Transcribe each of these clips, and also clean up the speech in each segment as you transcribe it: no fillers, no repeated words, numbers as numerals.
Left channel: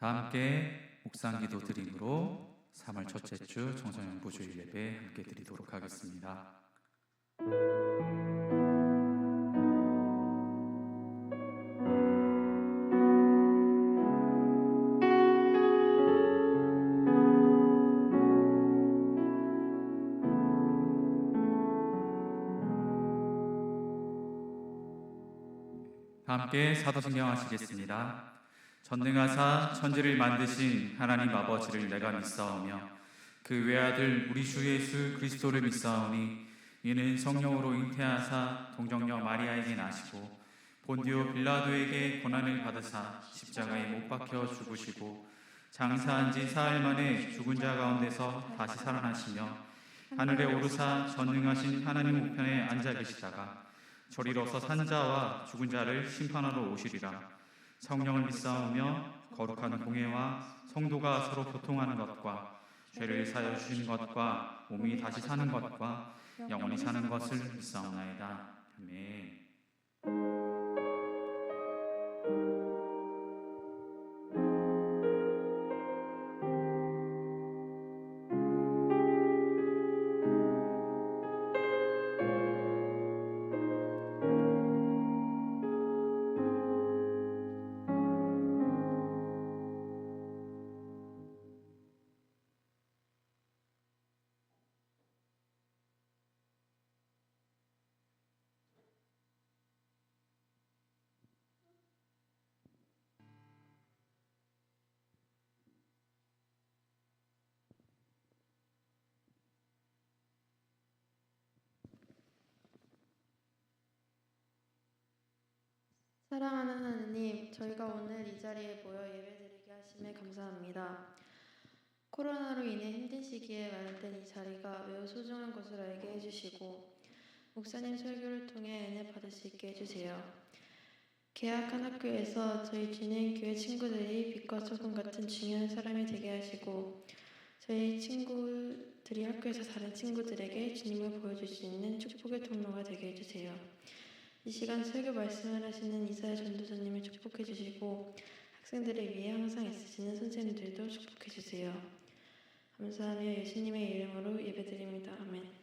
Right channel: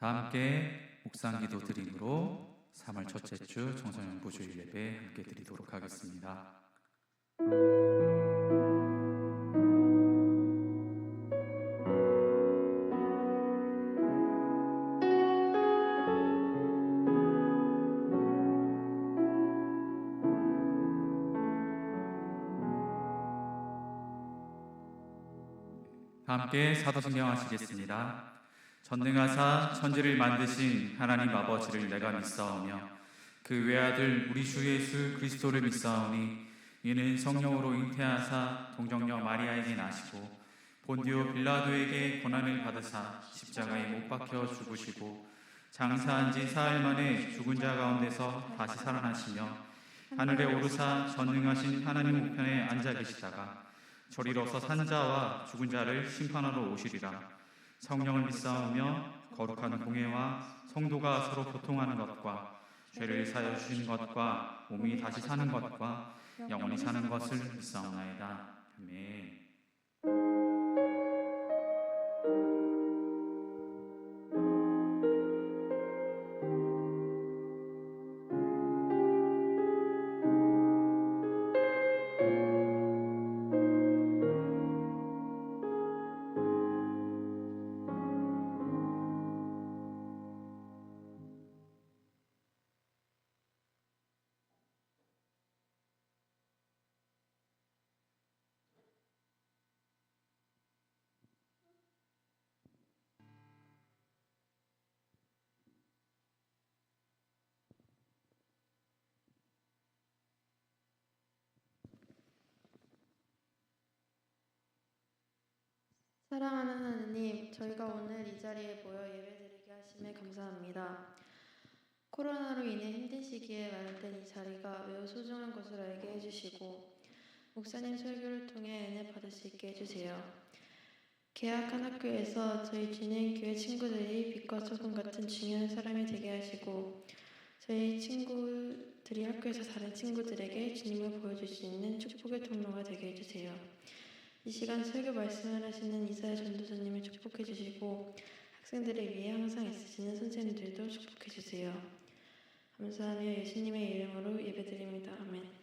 다 함께 묵상기도 드림으로 3월 첫째 주 청소년 부주일 예배 함께 드리도록 하겠습니다. 다 함께 사도신경 하시겠습니다. 전능하사 천지를 만드신 하나님 아버지를 내가 믿사오며 그 외아들 우리 주 예수 그리스도를 믿사오니 이는 성령으로 잉태하사 동정녀 마리아에게 나시고 본디오 빌라도에게 고난을 받으사 십자가에 못 박혀 죽으시고 장사한 지 사흘 만에 죽은 자 가운데서 다시 살아나시며 하늘에 오르사 전능하신 하나님 우편에 앉아 계시다가 저리로서 산 자와 죽은 자를 심판하러 오시리라. 성령을 믿사오며 거룩한 공예와 성도가 서로 교통하는 것과 죄를 사여 주신 것과 몸이 다시 사는 것과 영원히 사는 것을 믿사오나이다. 아멘. 사랑하는 하느님, 저희가 오늘 이 자리에 모여 예배드리게 하심에 감사합니다. 코로나로 인해 힘든 시기에 마련된 이 자리가 매우 소중한 것을 알게 해주시고 목사님 설교를 통해 은혜 받을 수 있게 해주세요. 개학한 학교에서 저희 주님 교회 친구들이 빛과 소금 같은 중요한 사람이 되게 하시고 저희 친구들이 학교에서 다른 친구들에게 주님을 보여줄 수 있는 축복의 통로가 되게 해주세요. 이 시간 설교 말씀을 하시는 이사야 전도사님을 축복해 주시고 학생들을 위해 항상 애쓰시는 선생님들도 축복해 주세요. 감사하며 예수님의 이름으로 예배드립니다. 아멘.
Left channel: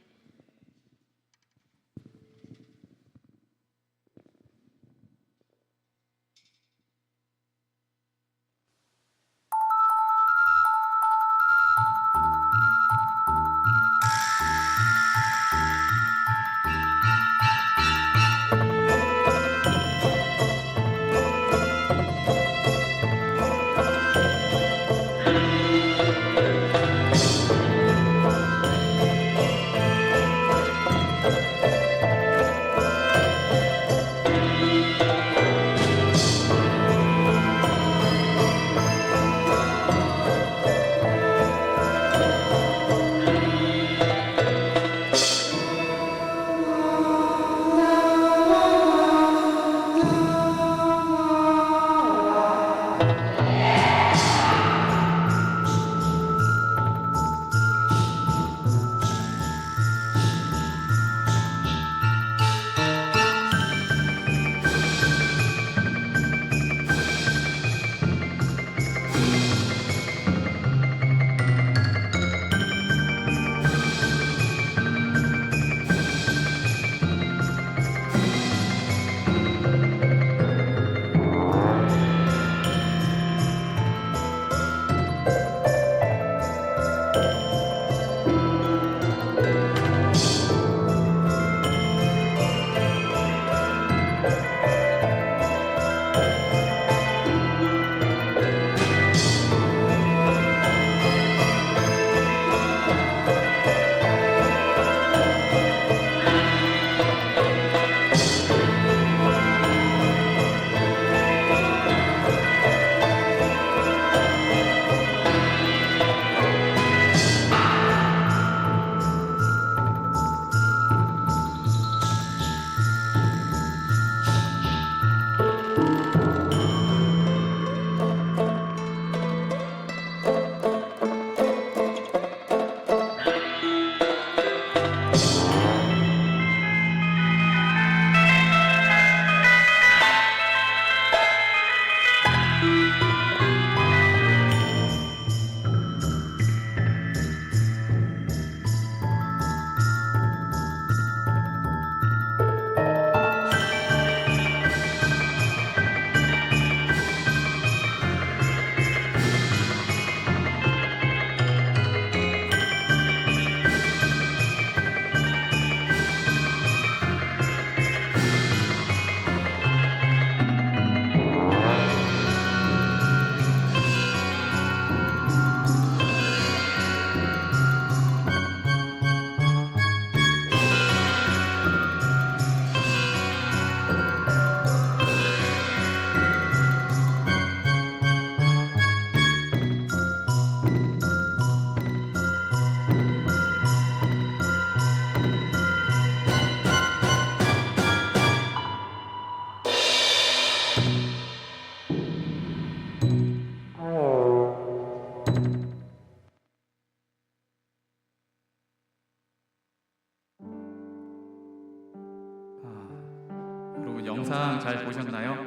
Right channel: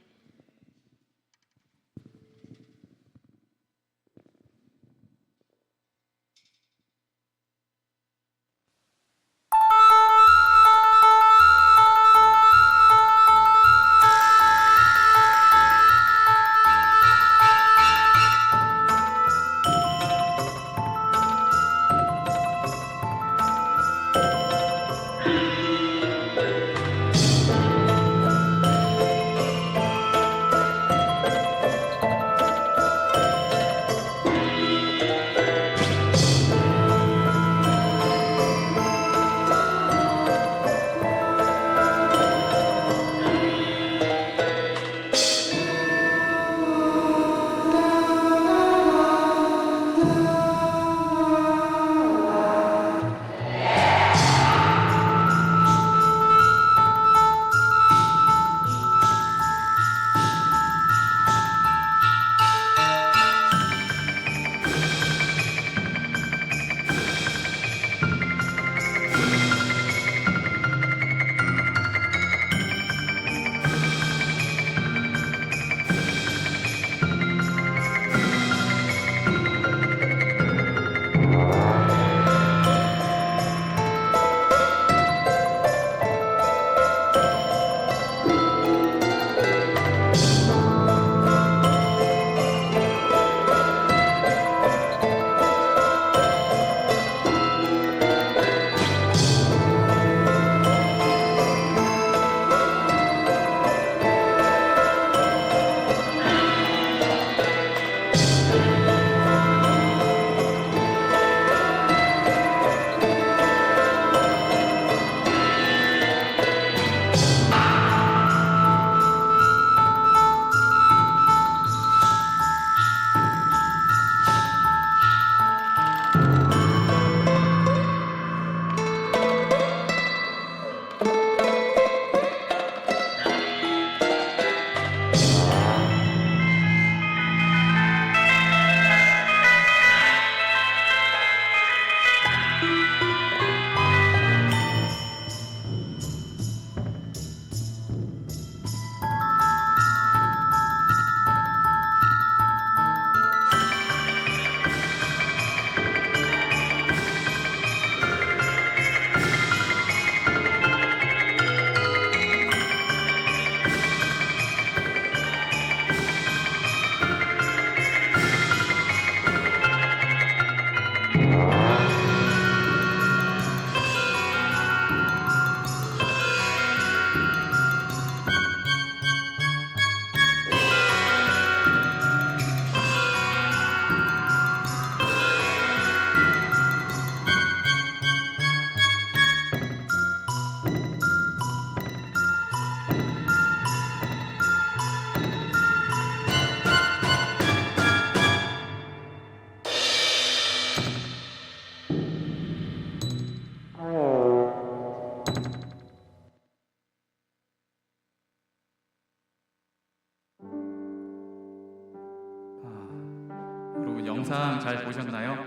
영상 잘 보셨나요?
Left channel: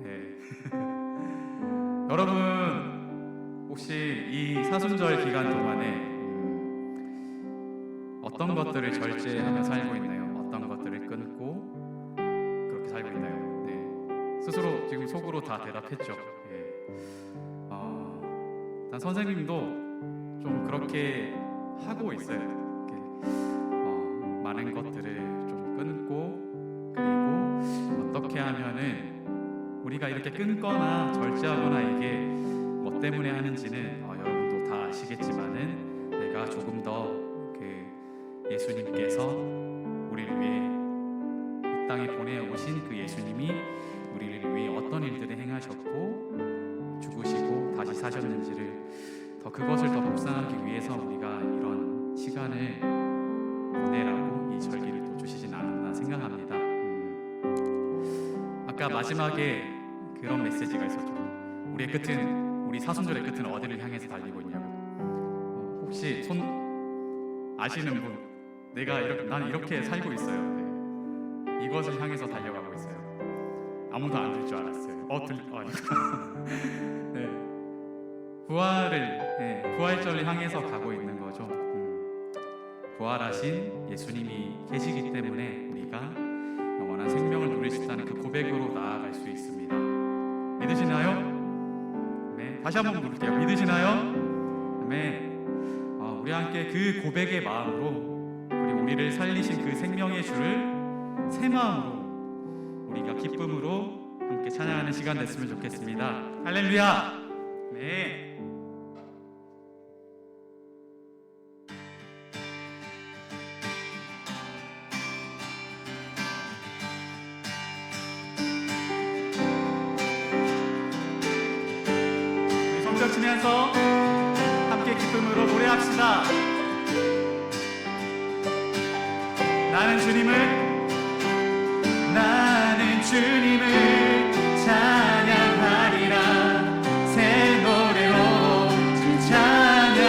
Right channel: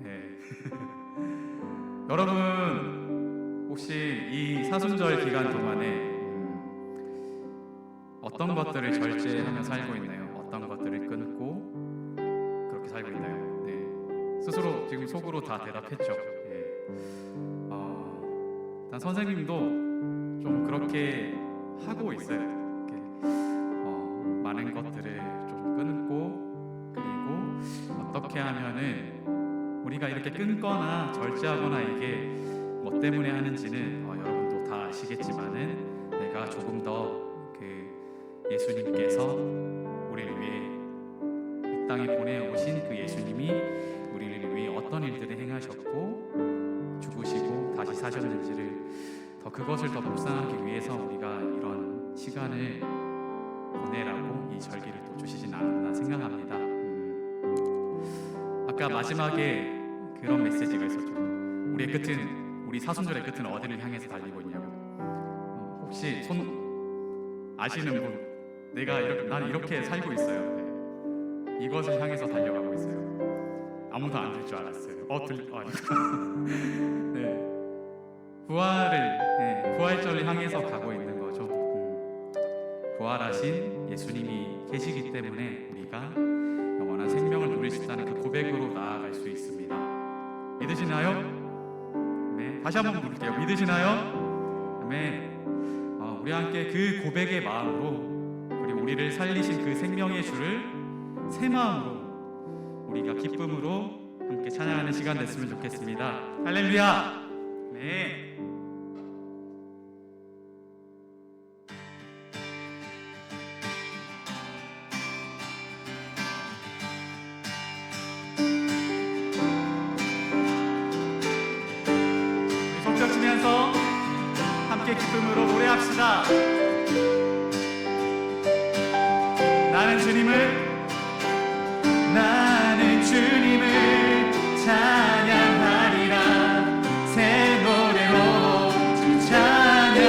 네. 여러분 혹시 이 사순절 기간 동안에 어떤 것들을 절제하며 살고 있나요? 어떤 것들을 끊고 그렇게 살고 있나요? 네. 스스로 지금 속으로 다 대답했죠. 예. 일단 선생님도 좀 그렇게 하고 있어요. 이렇게, 많은 것들을 좀 끊고, 그리고 어떻게 하면은 우리가 이렇게 끊거나 절제하거나 이게 뭐 때문에 하는지는 여러분도 다 아시겠지만은 내가 조금 더 예수님께서 우리를 위해 이 땅에 보내오신 그 예수님이 우리를 위해 어떤 일들을 행하셨고 죽으시고 다시 사셨는지를 그것을 더 묵상하기 위해서 우리가 이런 시간을 보내라고 이 절기를 또 주시진 않았나 생각합니다. 아까 마지막에 그런 메시지가 있었죠. 우리 사순절의 끝은 어디를 향해서 달리고 있냐고. 혹시 손 아시는 분? 나는 이렇게 살고 있어요. 네. 이것을 향해서 달려가고 있어요. 아무도 안 들 줄 알았어요. 네. 부활절을 향해서 가고 있는 거죠. 부활하신 예수님이 계시기 때문에 우리가 영원한 생명을 누릴 수 있다는 그 고백으로 나아갈 수 있습니다. 믿으시나요? 네. 다시 한번 물을게요. 믿으시나요? 네. 우리 함께 그 고백의 마음으로 그리고 우리를 살리신 그 생명의 주를 새 마음으로 우리가 기쁨으로 함께 찬양하는 시간 됐으면 좋겠습니다. 할렐루야. 네. 우리 성벽 치면서 함께 기쁨으로 노래합시다. 나는 주님을 찬양하리라. 새 노래로 주 찬양.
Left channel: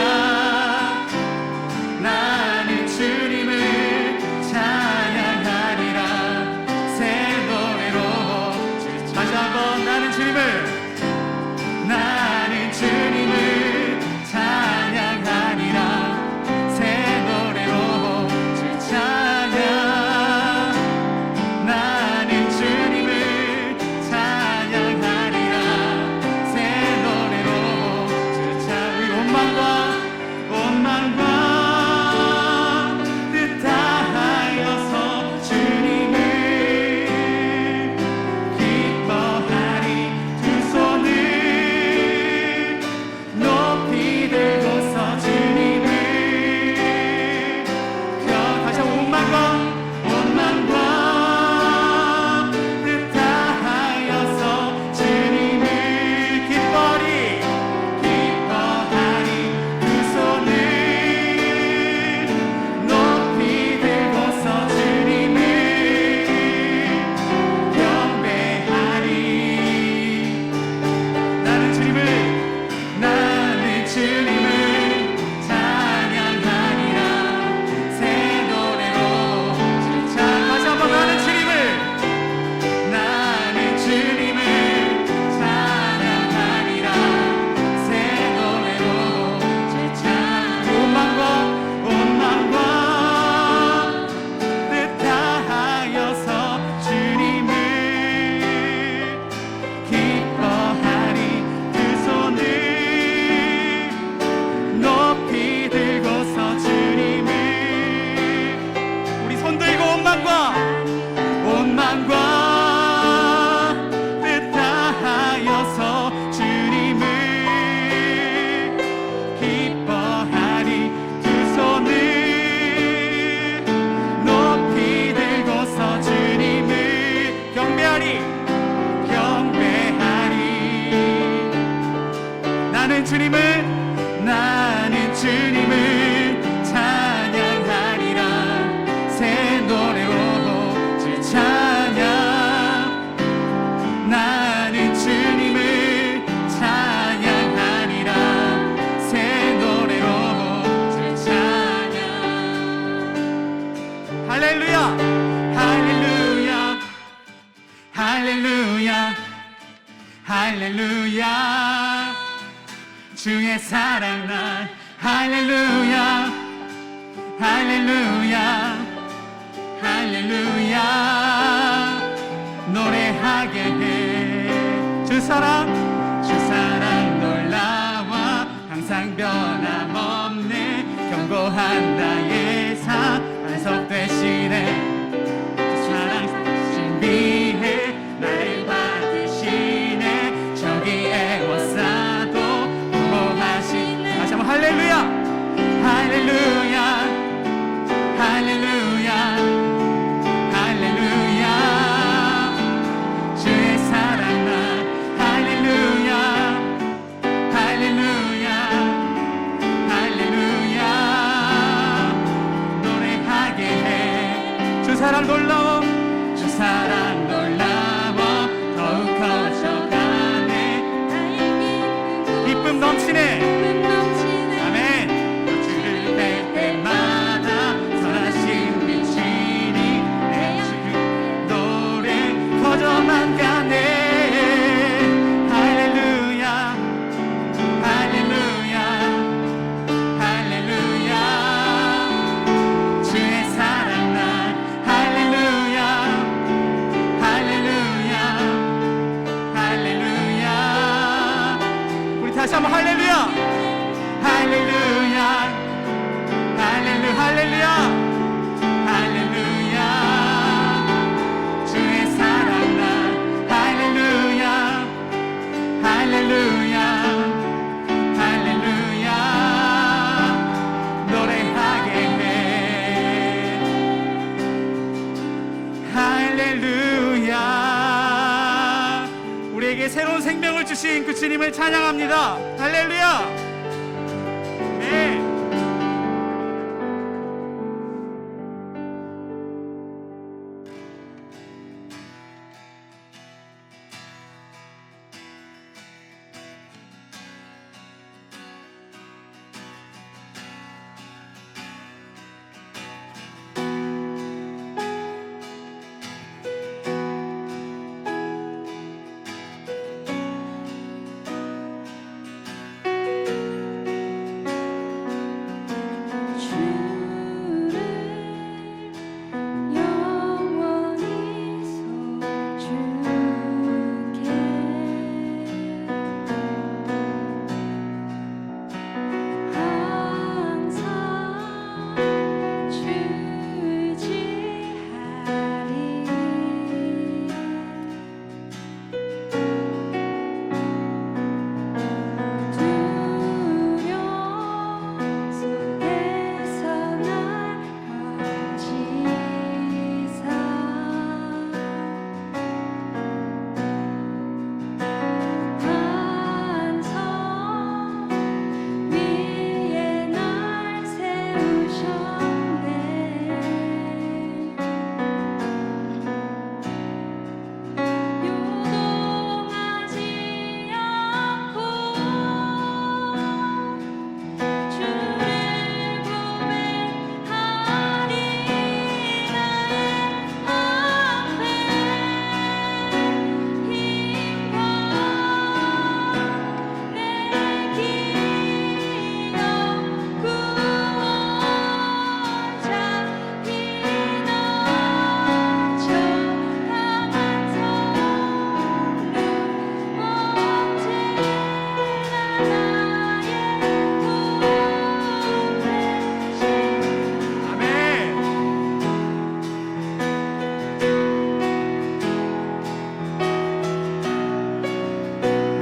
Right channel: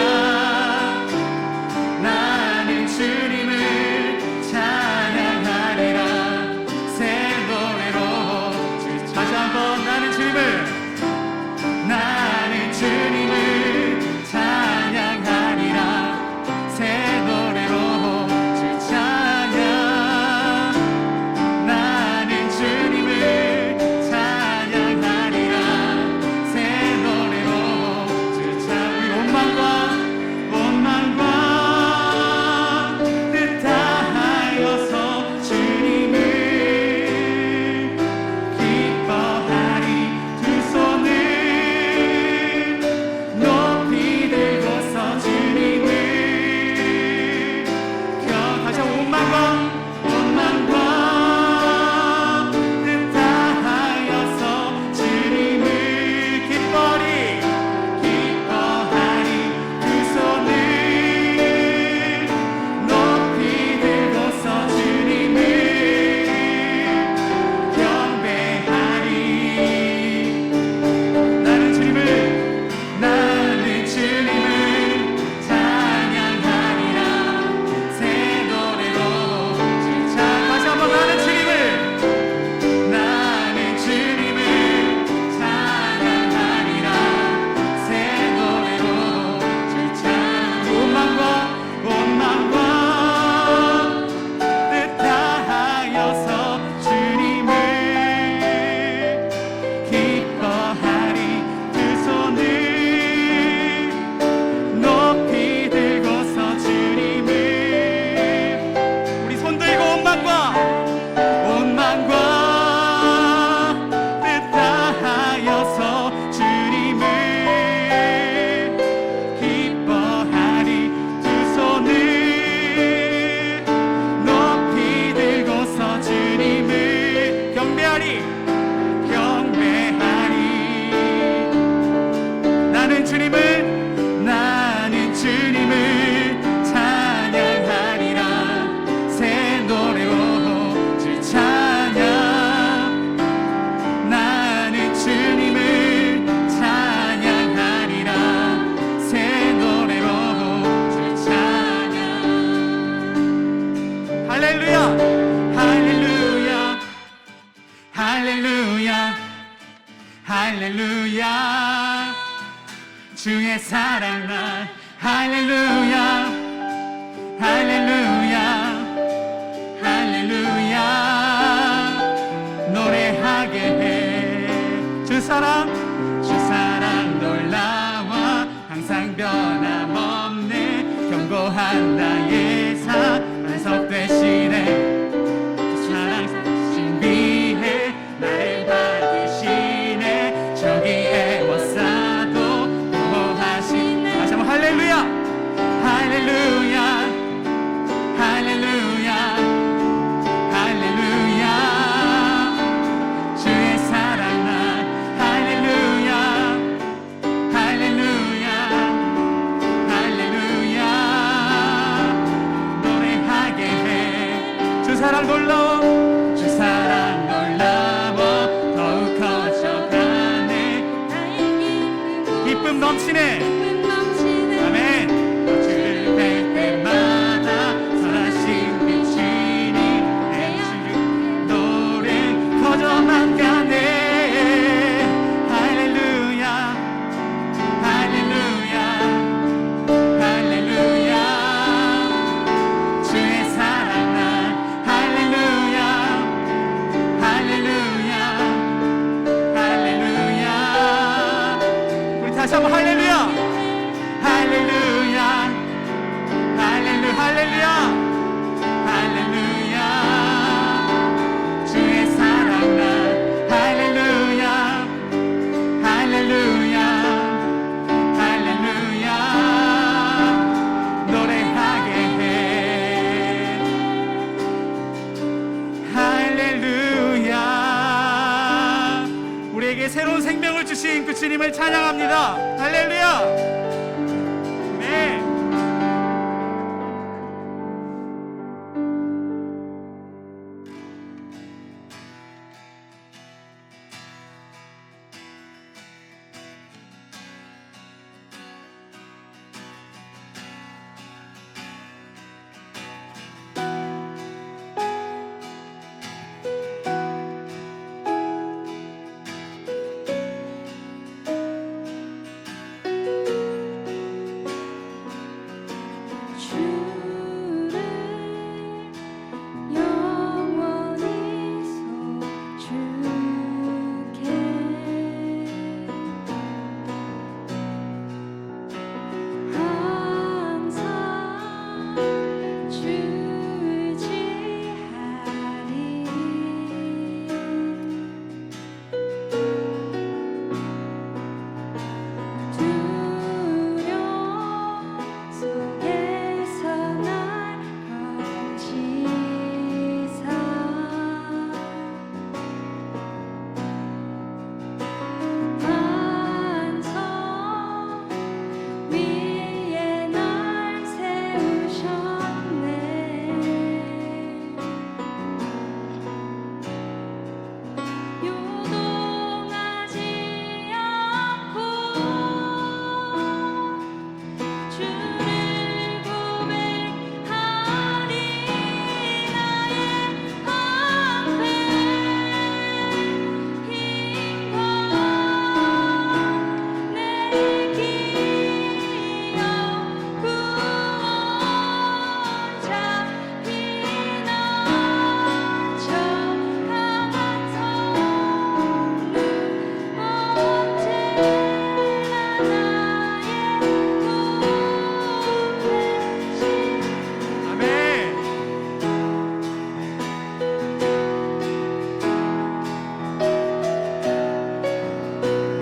나는 주님을 찬양하리라. 새 노래로 주 찬양. 다시 한번 나는 주님을 찬양하리라. 새 노래로 주 찬양. 나는 주님을 찬양하리라. 새 노래로 주 찬양. 우리 온 만과 뜻하여서 주님을 기뻐하리. 두 손을 높이 들고서 주님을 다시 한번 온 만과 뜻하여서 주님을 기뻐하리. 두 손을 높이 들고서 주님을 경배하리. 나는 주님을 찬양하리라. 새 노래로 주 찬양. 다시 한번 나는 주님을 찬양하리라. 새 노래로 주 찬양. 온 만과 뜻하여서 주님을 기뻐하리. 두 손을 높이 들고서 주님을. 우리 손 들고 온 만과 뜻하여서 주님을 기뻐하리. 두 손을 높이 들고서 주님을 경배하리. 나는 주님을 찬양하리라. 새 노래로 주 찬양. 나는 주님을 찬양하리라. 새 노래로 주 찬양. 할렐루야. 할렐루야. 주의 사랑 날 할렐루야 할렐루야 할렐루야 노래하게 해. 주 사랑 놀라워 항상 변함없네. 견고한 나의 반석 되시네. 주 사랑 신비해 나를 받으시네. 저기 애워싸도 보호하시네. 다시 한번 할렐루야 할렐루야 할렐루야 할렐루야 주의 사랑 날 할렐루야 할렐루야 할렐루야 노래하게 해. 주 사랑 놀라워 주 사랑 놀라워 더욱 커져가네. 기쁨 넘치네. 아멘. 주를 뵐 때마다 선하신 빛이니 내 주를 노래 커져만 가네. 할렐루야 할렐루야 할렐루야 주의 사랑 날 할렐루야 할렐루야 할렐루야. 우리 다시 한번 할렐루야 할렐루야 할렐루야 할렐루야 주의 사랑 날 할렐루야 할렐루야 할렐루야 노래하게 해. 할렐루야. 우리에게 새로운 생명을 주신 그 주님을 찬양합니다. 할렐루야. 네.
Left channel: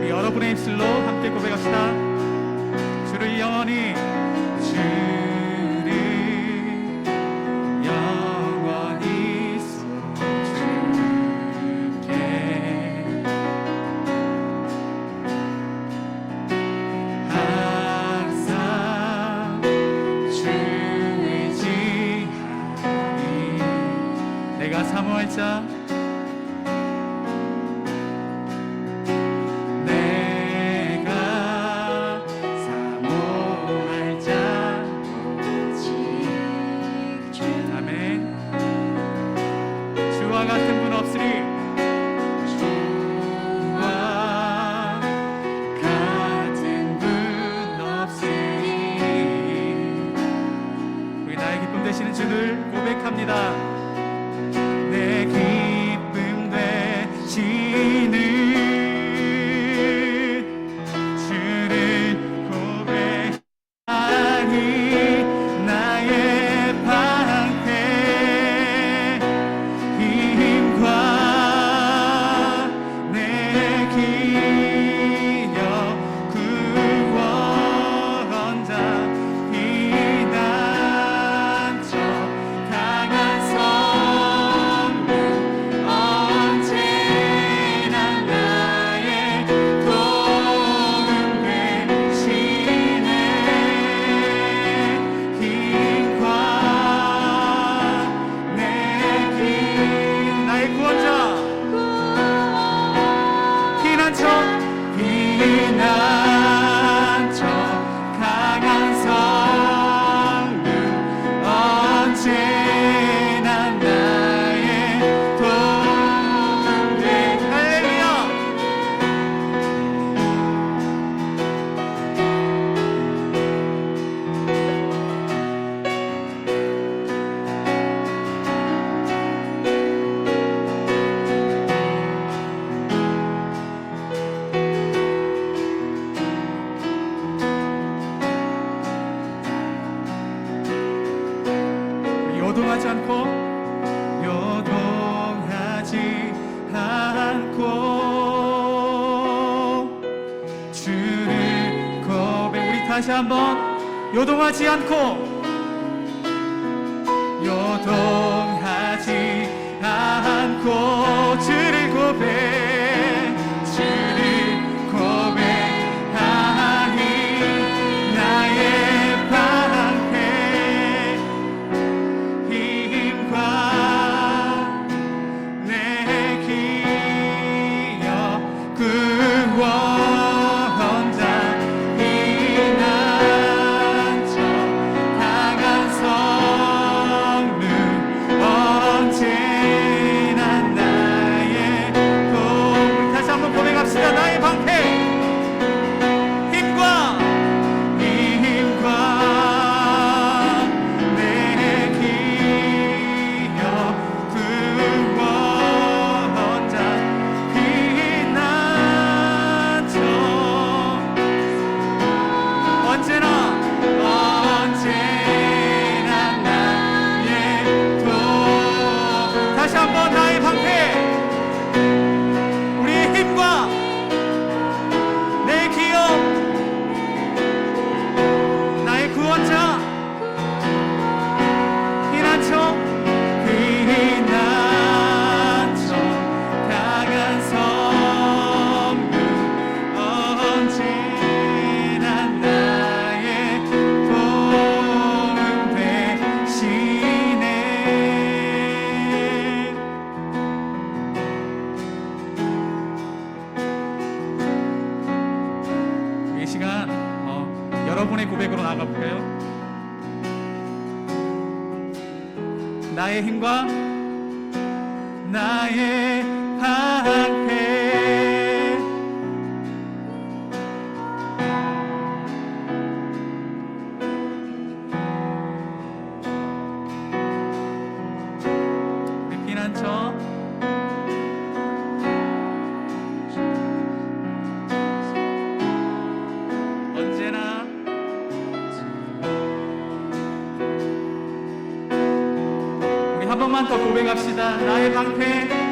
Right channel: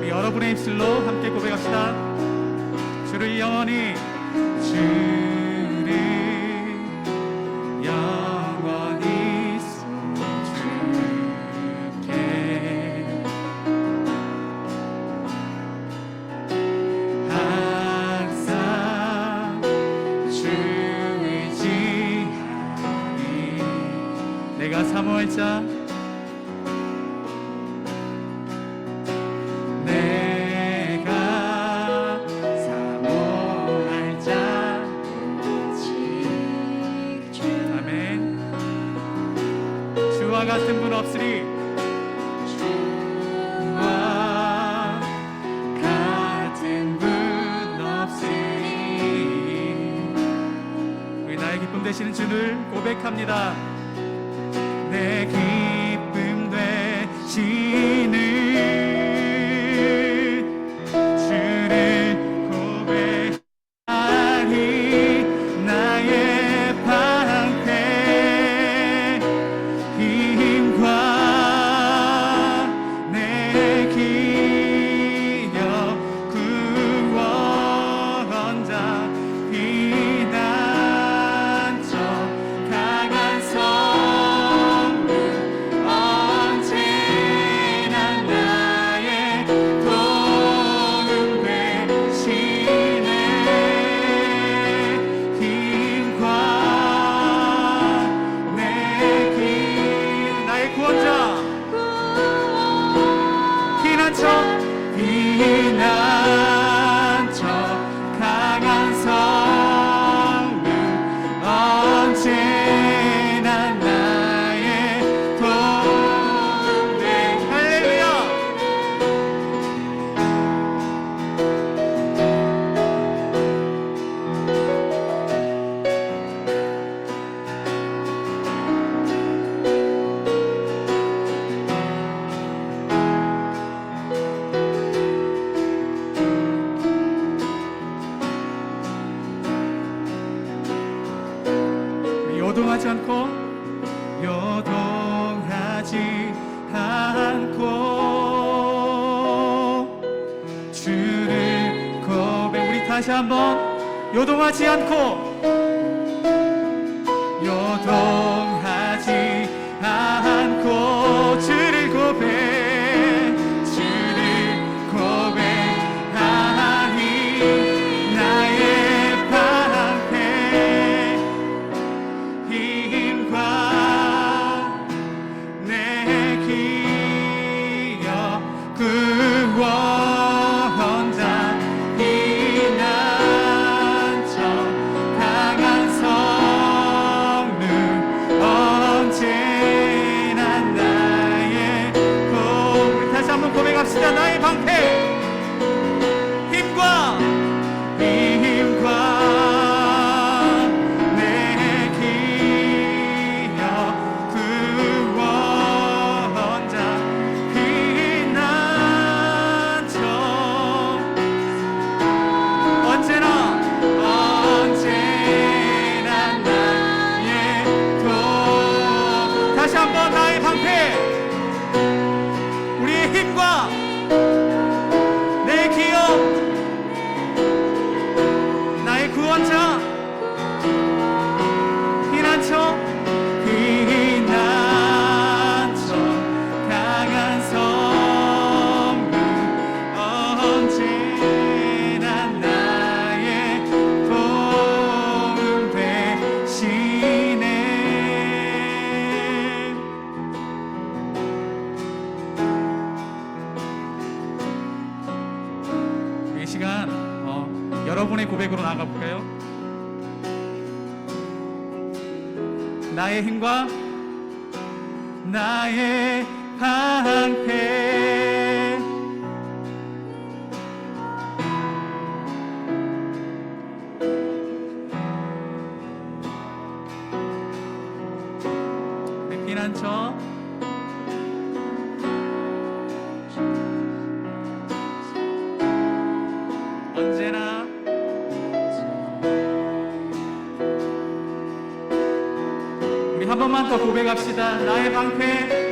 여러분의 입술로 함께 고백합시다. 주를 영원히 손줄게 항상 주 의지하리. 내가 사모할 자 주와 같은 분 없으리. 주와 같은 분 되시는 주를 고백합니다. 내 기쁨 되시는 주를 고백하리. 나의 방패 힘과 내 기여 구원자 피난처 강한 성문 언제나 나의 도움 되시네. 힘과 내 나의 구원자 피난처 강한 성문 언제나 나의 도움 되. 할렐루야. 요동하지 않고 주를 고백. 우리 다시 한번 요동하지 않고 주를 고백하니 나의 방패 힘과 내 기여 구원자 피난처 강한 성문 언제나 나의 도움. 우리 다시 한번 고백합시다. 나의 방패 힘과 내 기여 구원자 피난처 언제나 나의 도움. 다시 한번 나의 방패 우리의 힘과 내 기여 나의 구원자 피난처 강한 성문 언제나 나의 도움 되시네. 이 시간 여러분의 고백으로 나가볼까요? 나의 힘과 나의 방패 우리 피난처 언제나 우리 한 번만 더 고백합시다. 나의 방패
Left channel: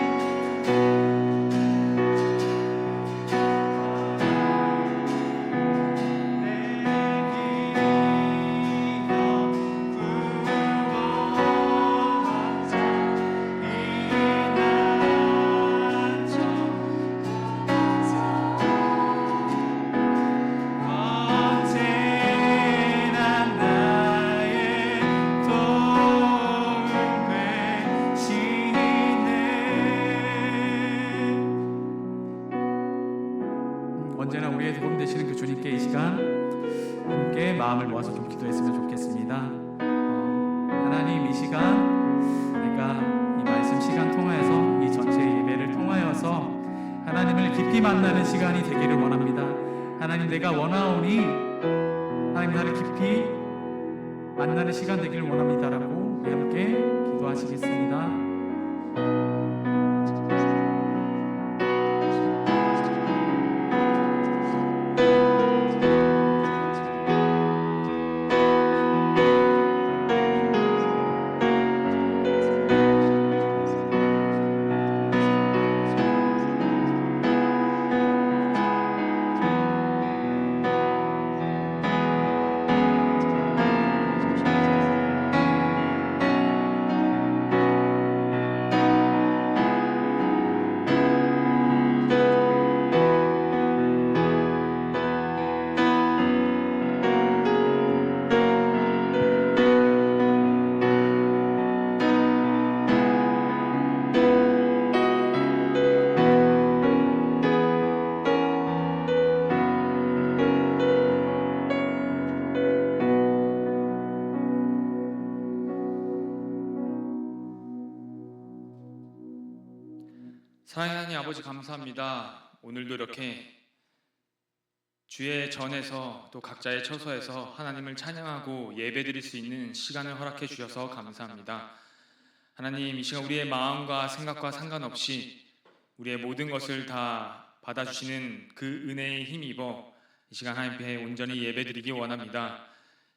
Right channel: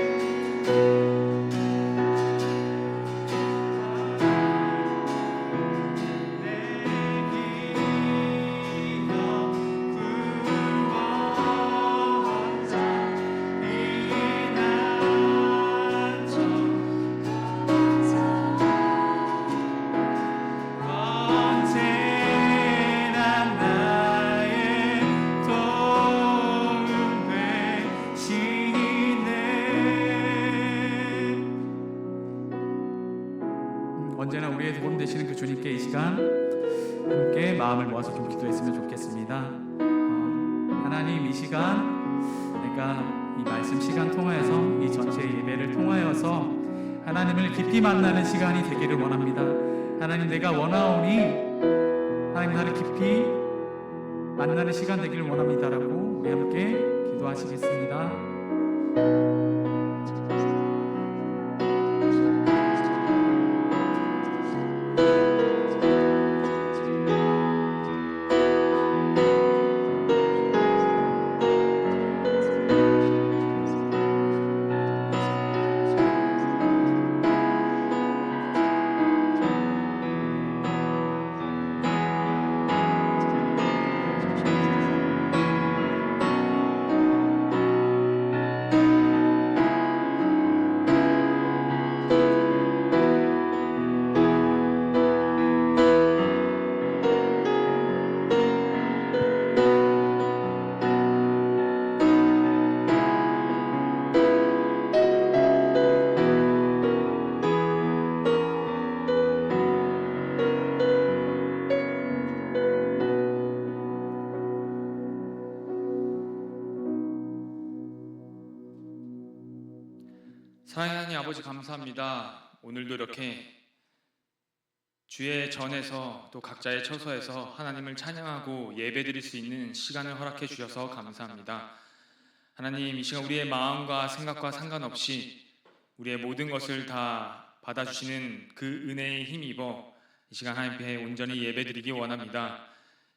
언제나 우리의 도움 되시는 그 주님께 이 시간 함께 마음을 모아서 좀 기도했으면 좋겠습니다. 하나님, 이 시간 내가 이 말씀 시간 통하여서 이 전체 예배를 통하여서 하나님을 깊이 만나는 시간이 되기를 원합니다. 하나님, 내가 원하오니 하나님 나를 깊이 만나는 시간 되기를 원합니다라고 우리 함께 기도하시겠습니다. 사랑하는 하나님 아버지, 감사합니다. 오늘도 이렇게 주의 전에서 또 각자의 처소에서 하나님을 찬양하고 예배드릴 수 있는 시간을 허락해 주셔서 감사합니다. 하나님, 이 시간 우리의 마음과 생각과 상관없이 우리의 모든 것을 다 받아주시는 그 은혜에 힘입어 이 시간 하나님께 온전히 예배드리기 원합니다.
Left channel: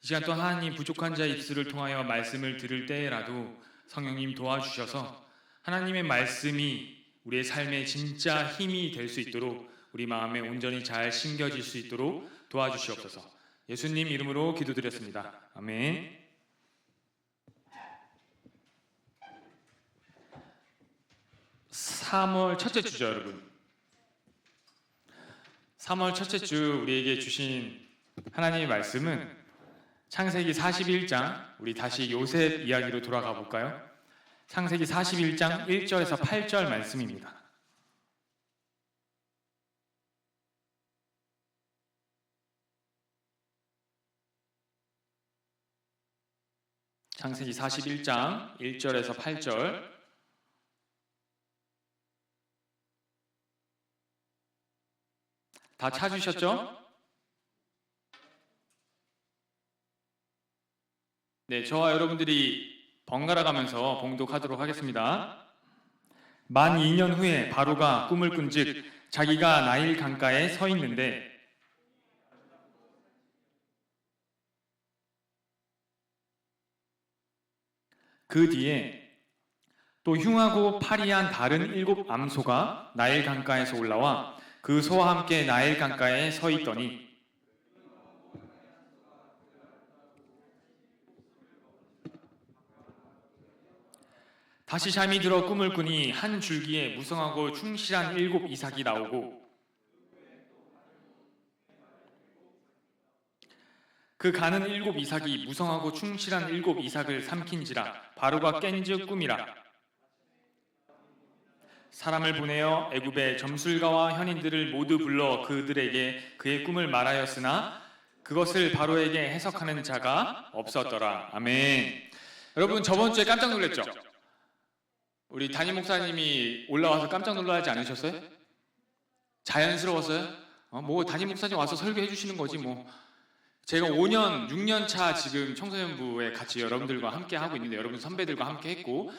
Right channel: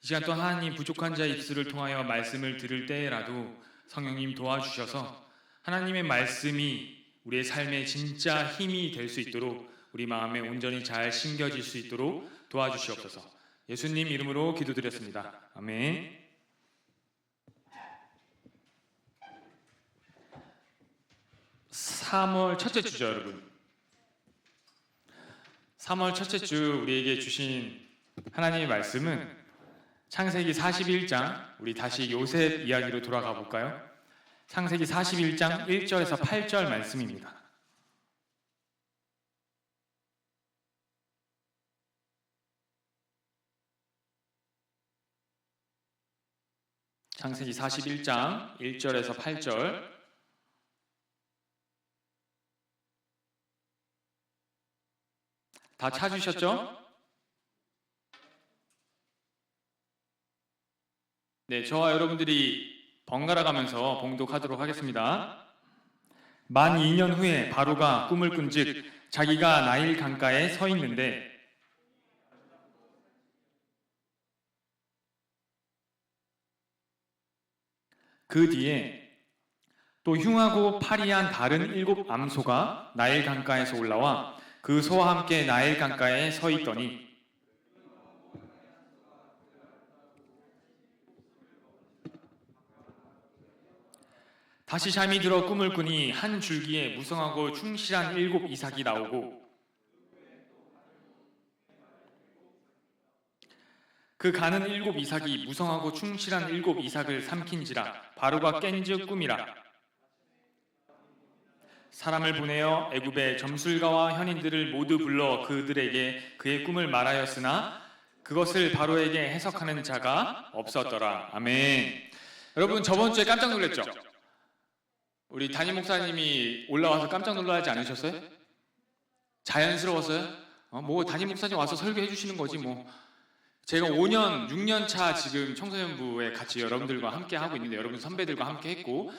이 시간 또 하나님, 부족한 자의 입술을 통하여 말씀을 들을 때라도 성령님 도와주셔서 하나님의 말씀이 우리의 삶에 진짜 힘이 될 수 있도록, 우리 마음에 온전히 잘 심겨질 수 있도록 도와주시옵소서. 예수님 이름으로 기도드렸습니다. 아멘. 3월 첫째 주죠, 여러분. 3월 첫째 주 우리에게 주신 하나님의 말씀은 창세기 41장, 우리 다시 요셉 이야기로 돌아가 볼까요? 창세기 41장 1절에서 8절 말씀입니다. 창세기 41장 1절에서 8절. 다 찾으셨죠? 네, 저와 여러분들이 번갈아 가면서 봉독하도록 하겠습니다. 만 2년 후에 바로가 꿈을 꾼즉 자기가 나일 강가에 서 있는데 그 뒤에 또 흉하고 파리한 다른 7 암소가 나일 강가에서 올라와 그 소와 함께 나일 강가에 서 있더니 다시 잠이 들어 꿈을 꾸니 한 줄기에 무성하고 충실한 7 이삭이 나오고 그 가는 7 이삭이 무성하고 충실한 7 이삭을 삼킨지라 바로가 깬즉 꿈이라. 사람을 보내어 애굽의 점술가와 현인들을 모두 불러 그들에게 그의 꿈을 말하였으나 그것을 바로에게 해석하는 자가 없었더라. 아멘. 여러분, 저번 주에 깜짝 놀랐죠? 우리 담임 목사님이 올라와서 깜짝 놀라지 않으셨어요? 자연스러웠어요? 뭐 담임 목사님 와서 설교해 주시는 거지 뭐. 제가 5년, 6년 차 지금 청소년부에 같이 여러분들과 함께 하고 있는데, 여러분 선배들과 함께 했고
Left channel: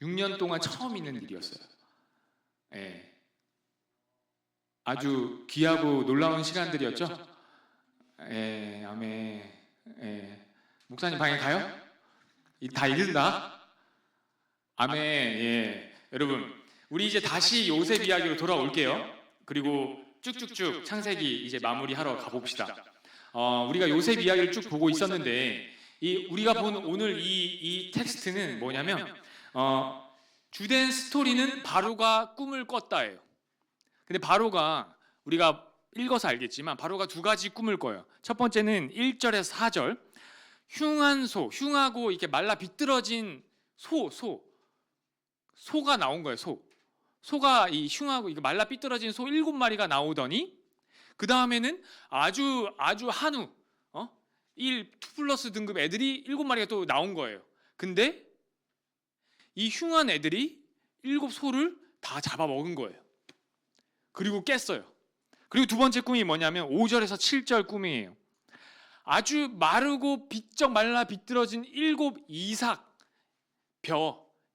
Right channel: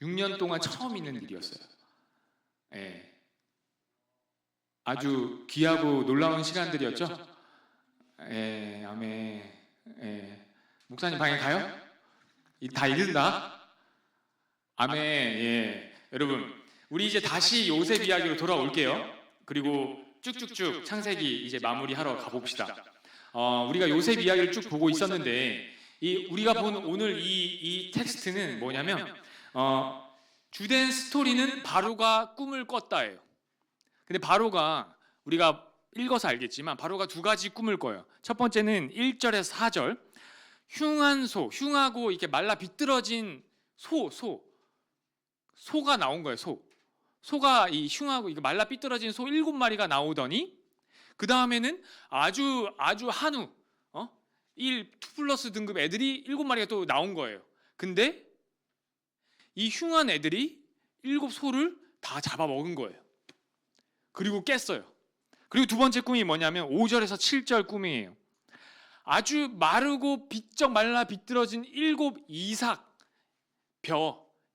6년 동안 처음 있는 일이었어요. 예. 아주 귀하고 놀라운 시간들이었죠? 예, 아멘. 예. 목사님 방에 가요? 다 읽는다? 아멘. 예. 여러분, 우리 이제 다시 요셉 이야기로 돌아올게요. 그리고 쭉쭉쭉 창세기 이제 마무리하러 가봅시다. 우리가 요셉 이야기를 쭉 보고 있었는데, 우리가 본 오늘 이 텍스트는 뭐냐면, 주된 스토리는 바로가 꿈을 꿨다예요. 근데 바로가, 우리가 읽어서 알겠지만 바로가 2가지 꿈을 꿔요. 첫 번째는 1절에서 4절, 흉한 소, 흉하고 이렇게 말라 비뚤어진 소가 나온 거예요. 소가 이 흉하고 이거 말라 삐뚤어진 소 7마리가 나오더니, 그 다음에는 아주 한우 2 플러스 등급 애들이 7마리가 또 나온 거예요. 근데 이 흉한 애들이 7 소를 다 잡아먹은 거예요. 그리고 깼어요. 그리고 2번째 꿈이 뭐냐면 5절에서 7절 꿈이에요. 아주 마르고 비쩍 말라 비뚤어진 7 이삭,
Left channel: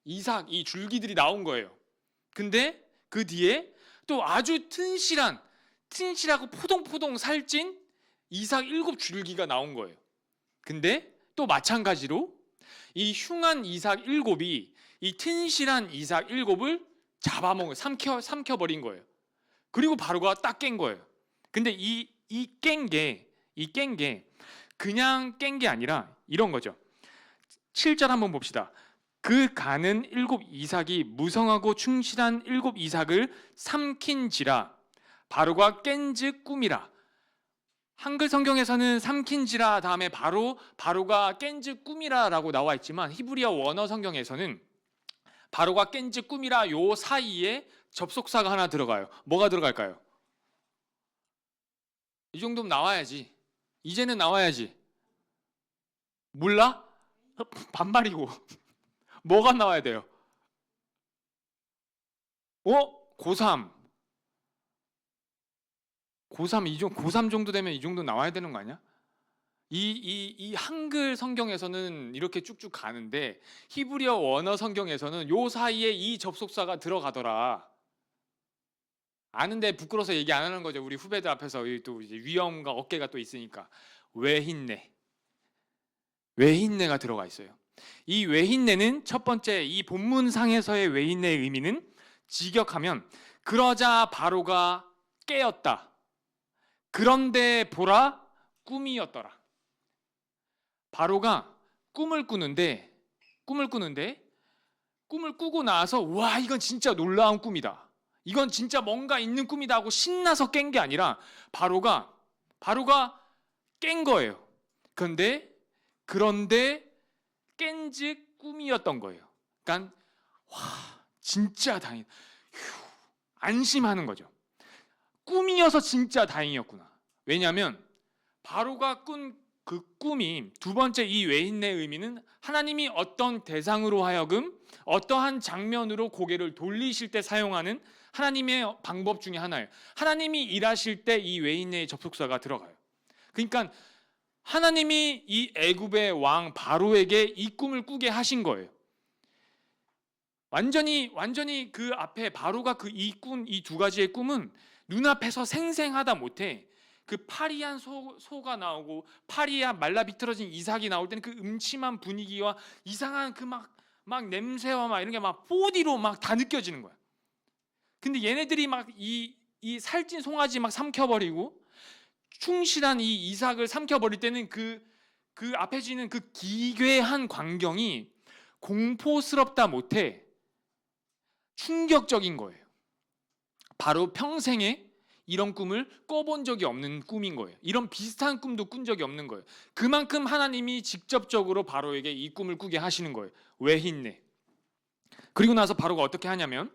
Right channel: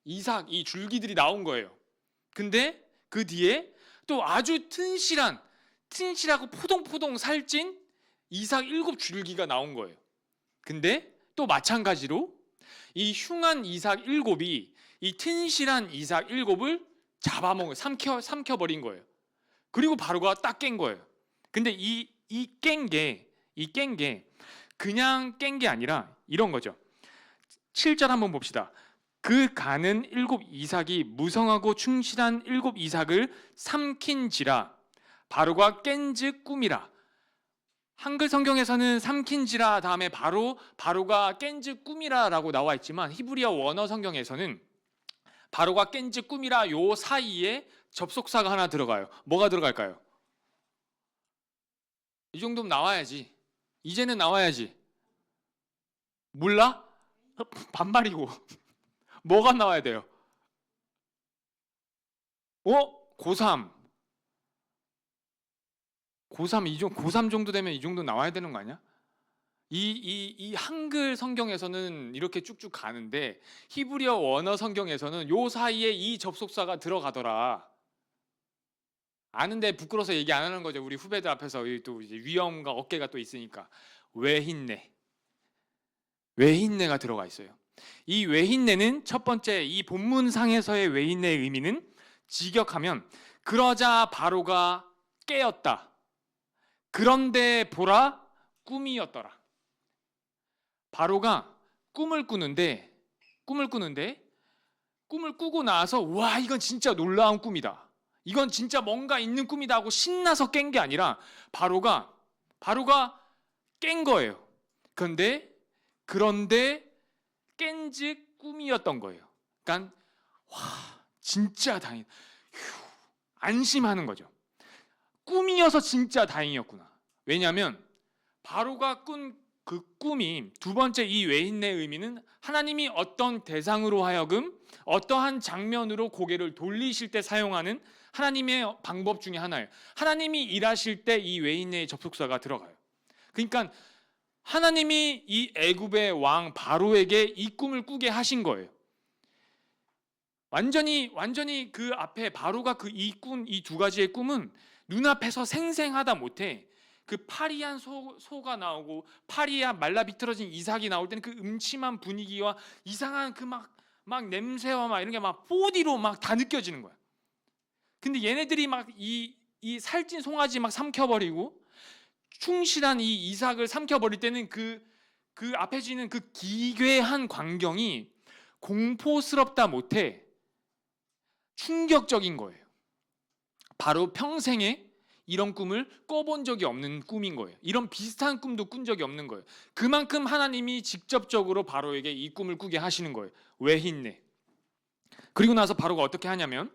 이삭 이 줄기들이 나온 거예요. 근데 그 뒤에 또 아주 튼실하고 포동포동 살찐 이삭 7줄기가 나온 거예요. 근데 또 마찬가지로 이 흉한 이삭 7이 이 튼실한 이삭 7을 잡아먹어 삼켜버린 거예요. 그리고 바로가 딱 깬 거예요. 근데 이 깬 게 그냥 깬 게 아니라 이런 거죠. 7절 한번 봅시다. 그 가는 7 이삭이 무성하고 충실한 7 이삭을 삼킨지라 바로가 깬즉 꿈이라. 한글 성경에서는 삼킨지라 다음에 바로가 깬즉 꿈이라라고 나와 있지만 히브리어 원어 성경에서는 바로가 깬즉 꿈이라 요 사이에 접속사가 하나 들어가요. 뭐가 들어갈까요? 이 정도면 나와야지. 이제는 나와야지. 몰라? 반말이고. 뭐가 나와야 돼요? 고3 고3 정도 되면 이 정도 나와야 되는 거 아니야? 이 한글 성경에서는 이렇게 쭉쭉 가는데 히브리어 원어 성경에서는 요 사이에 이 접속사가 들어가더라. 아는데 부끄러워서 얘기 안 하는 거죠. 우리 후배들 앞에서 또 이제 위험과 어깨가 또 있으니까. 외흰내가 들어가 있어요. 이 외흰내는 첫 번째 이 본문상에서의 외흰내의 의미는 직역하면 그러자 바로가 깨었다. 그런데 보라 꿈이었더라. 바로가 꿈을 꾸는데 꿈을 꾸고 나서 와 이건 진짜 놀라운 꿈이다. 이건 진짜 뭔가 있는 꿈이다 하고 신나서 깬 게 아니라 바로가 깬 거예요. 그런데 깬즉 꿈이었던 거예요. 그러니까 와 진짜 다행. 안심하는 거죠. 꿈이어서 진짜 다행이었구나. 왜냐하면 바로가 꾼 그 꿈이 두 번째 이 외흰내의 의미는 하나님이 어떤 대상으로 하여금 어떠한 장면으로 고개를 돌리실 때 사용하는 하나님의 방법 중에 하나예요. 하나님이 일하실 때 이 외흰내의 접속사가 들어가요. 그러니까 하나님이 이 애굽의 왕 바로에게 이 꿈을 꾸게 하신 거예요. 완전히 그 앞에 바로가 이 두 가지의 꿈은 눈앞에서 생생하다 못해 그 파리한 소가 나오고 파리한 말라 비틀어진 이삭이 나올 때는 그 음침한 분위기와 이상한 그 막 냄새와 막 이런 게 막 4D로 막 다 느껴지는 거야. 근데 얘네들이 막 이 살찐 송아지 막 삼켜버리고 충실한 이 이삭을 삼켜버릴 때는 그 앞에 지는 그 기괴한 광경이 공포스럽다 못해 충격적인 거예요. 바로 평생에 이런 꿈을 꿔본 적이 없는 꿈인 거예요. 이런 비슷한 꿈도 꾼 적이 없는 거예요. 그만큼 하나님이 직접적으로 바로에게 이 꿈을 꾸게 하시는 거예요. 외흰내. 그리고 나서 바로가 어떻게 하냐면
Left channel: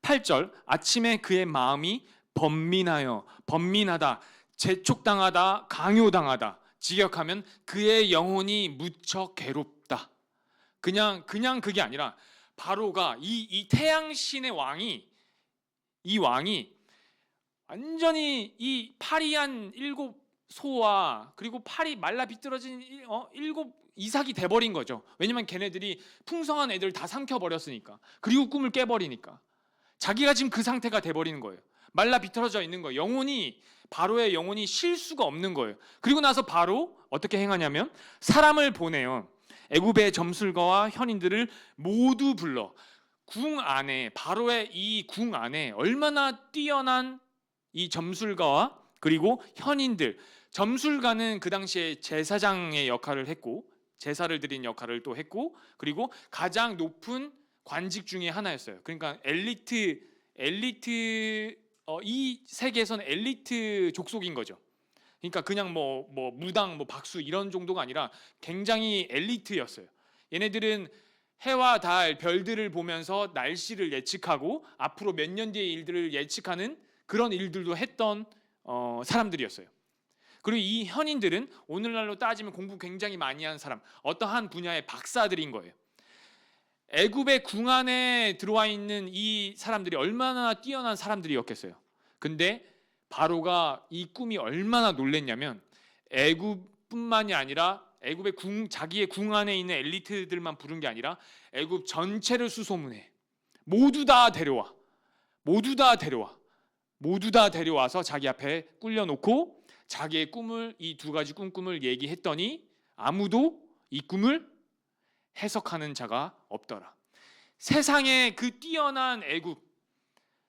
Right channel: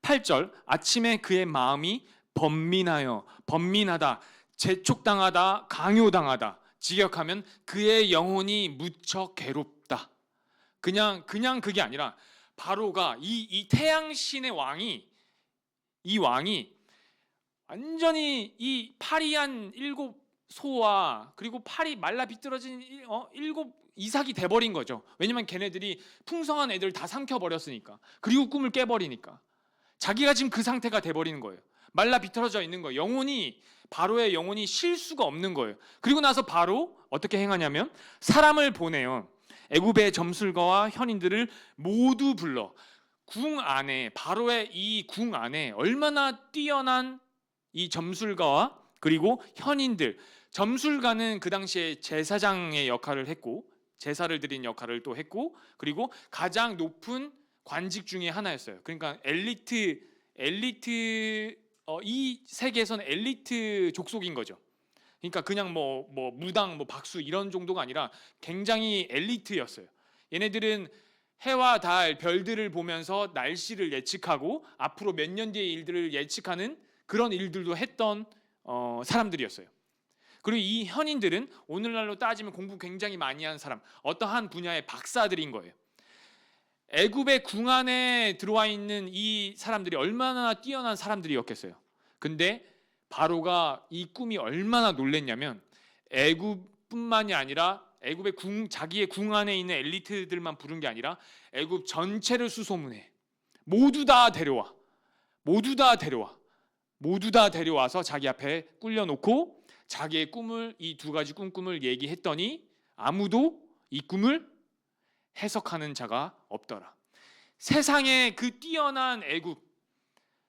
8절 아침에 그의 마음이 번민하다, 재촉당하다, 강요당하다. 직역하면 그의 영혼이 무척 괴롭다. 그냥 그게 아니라 바로가 이 태양신의 왕이 완전히 이 파리한 7 소와 그리고 팔이 말라 비틀어진 7 이삭이 돼버린 거죠. 왜냐면 걔네들이 풍성한 애들 다 삼켜버렸으니까. 그리고 꿈을 깨버리니까. 자기가 지금 그 상태가 돼버리는 거예요. 말라 비틀어져 있는 거예요. 바로의 영혼이 쉴 수가 없는 거예요. 그리고 나서 바로 어떻게 행하냐면 사람을 보내요. 애굽의 점술가와 현인들을 모두 불러 바로의 이 궁 안에 얼마나 뛰어난 이 점술가와 그리고 현인들. 점술가는 그 당시에 제사장의 역할을 했고 제사를 드린 역할을 또 했고 그리고 가장 높은 관직 중에 하나였어요. 그러니까 이 세계에서는 엘리트 족속인 거죠. 그러니까 그냥 뭐 무당, 박수 이런 정도가 아니라 굉장히 엘리트였어요. 얘네들은 해와 달, 별들을 보면서 날씨를 예측하고 앞으로 몇 년 뒤의 일들을 예측하는 그런 일들도 했던 사람들이었어요. 그리고 이 현인들은 오늘날로 따지면 공부 굉장히 많이 한 사람, 어떠한 분야의 박사들인 거예요. 애굽의 궁 안에 들어와 있는 이 사람들이 얼마나 뛰어난 사람들이었겠어요. 근데 바로가 이 꿈이 얼마나 놀랬냐면 애굽뿐만이 아니라 애굽의 자기의 궁 안에 있는 엘리트들만 부른 게 아니라 애굽 전체를 수소문해. 모두 다 데려와. 모두 다 데려와. 모두 다 데려와서 자기 앞에 꿀려놓고 자기의 꿈을, 이 두 가지 꿈을 얘기했더니 아무도 이 꿈을 해석하는 자가 없더라. 세상에 그 뛰어난 애굽,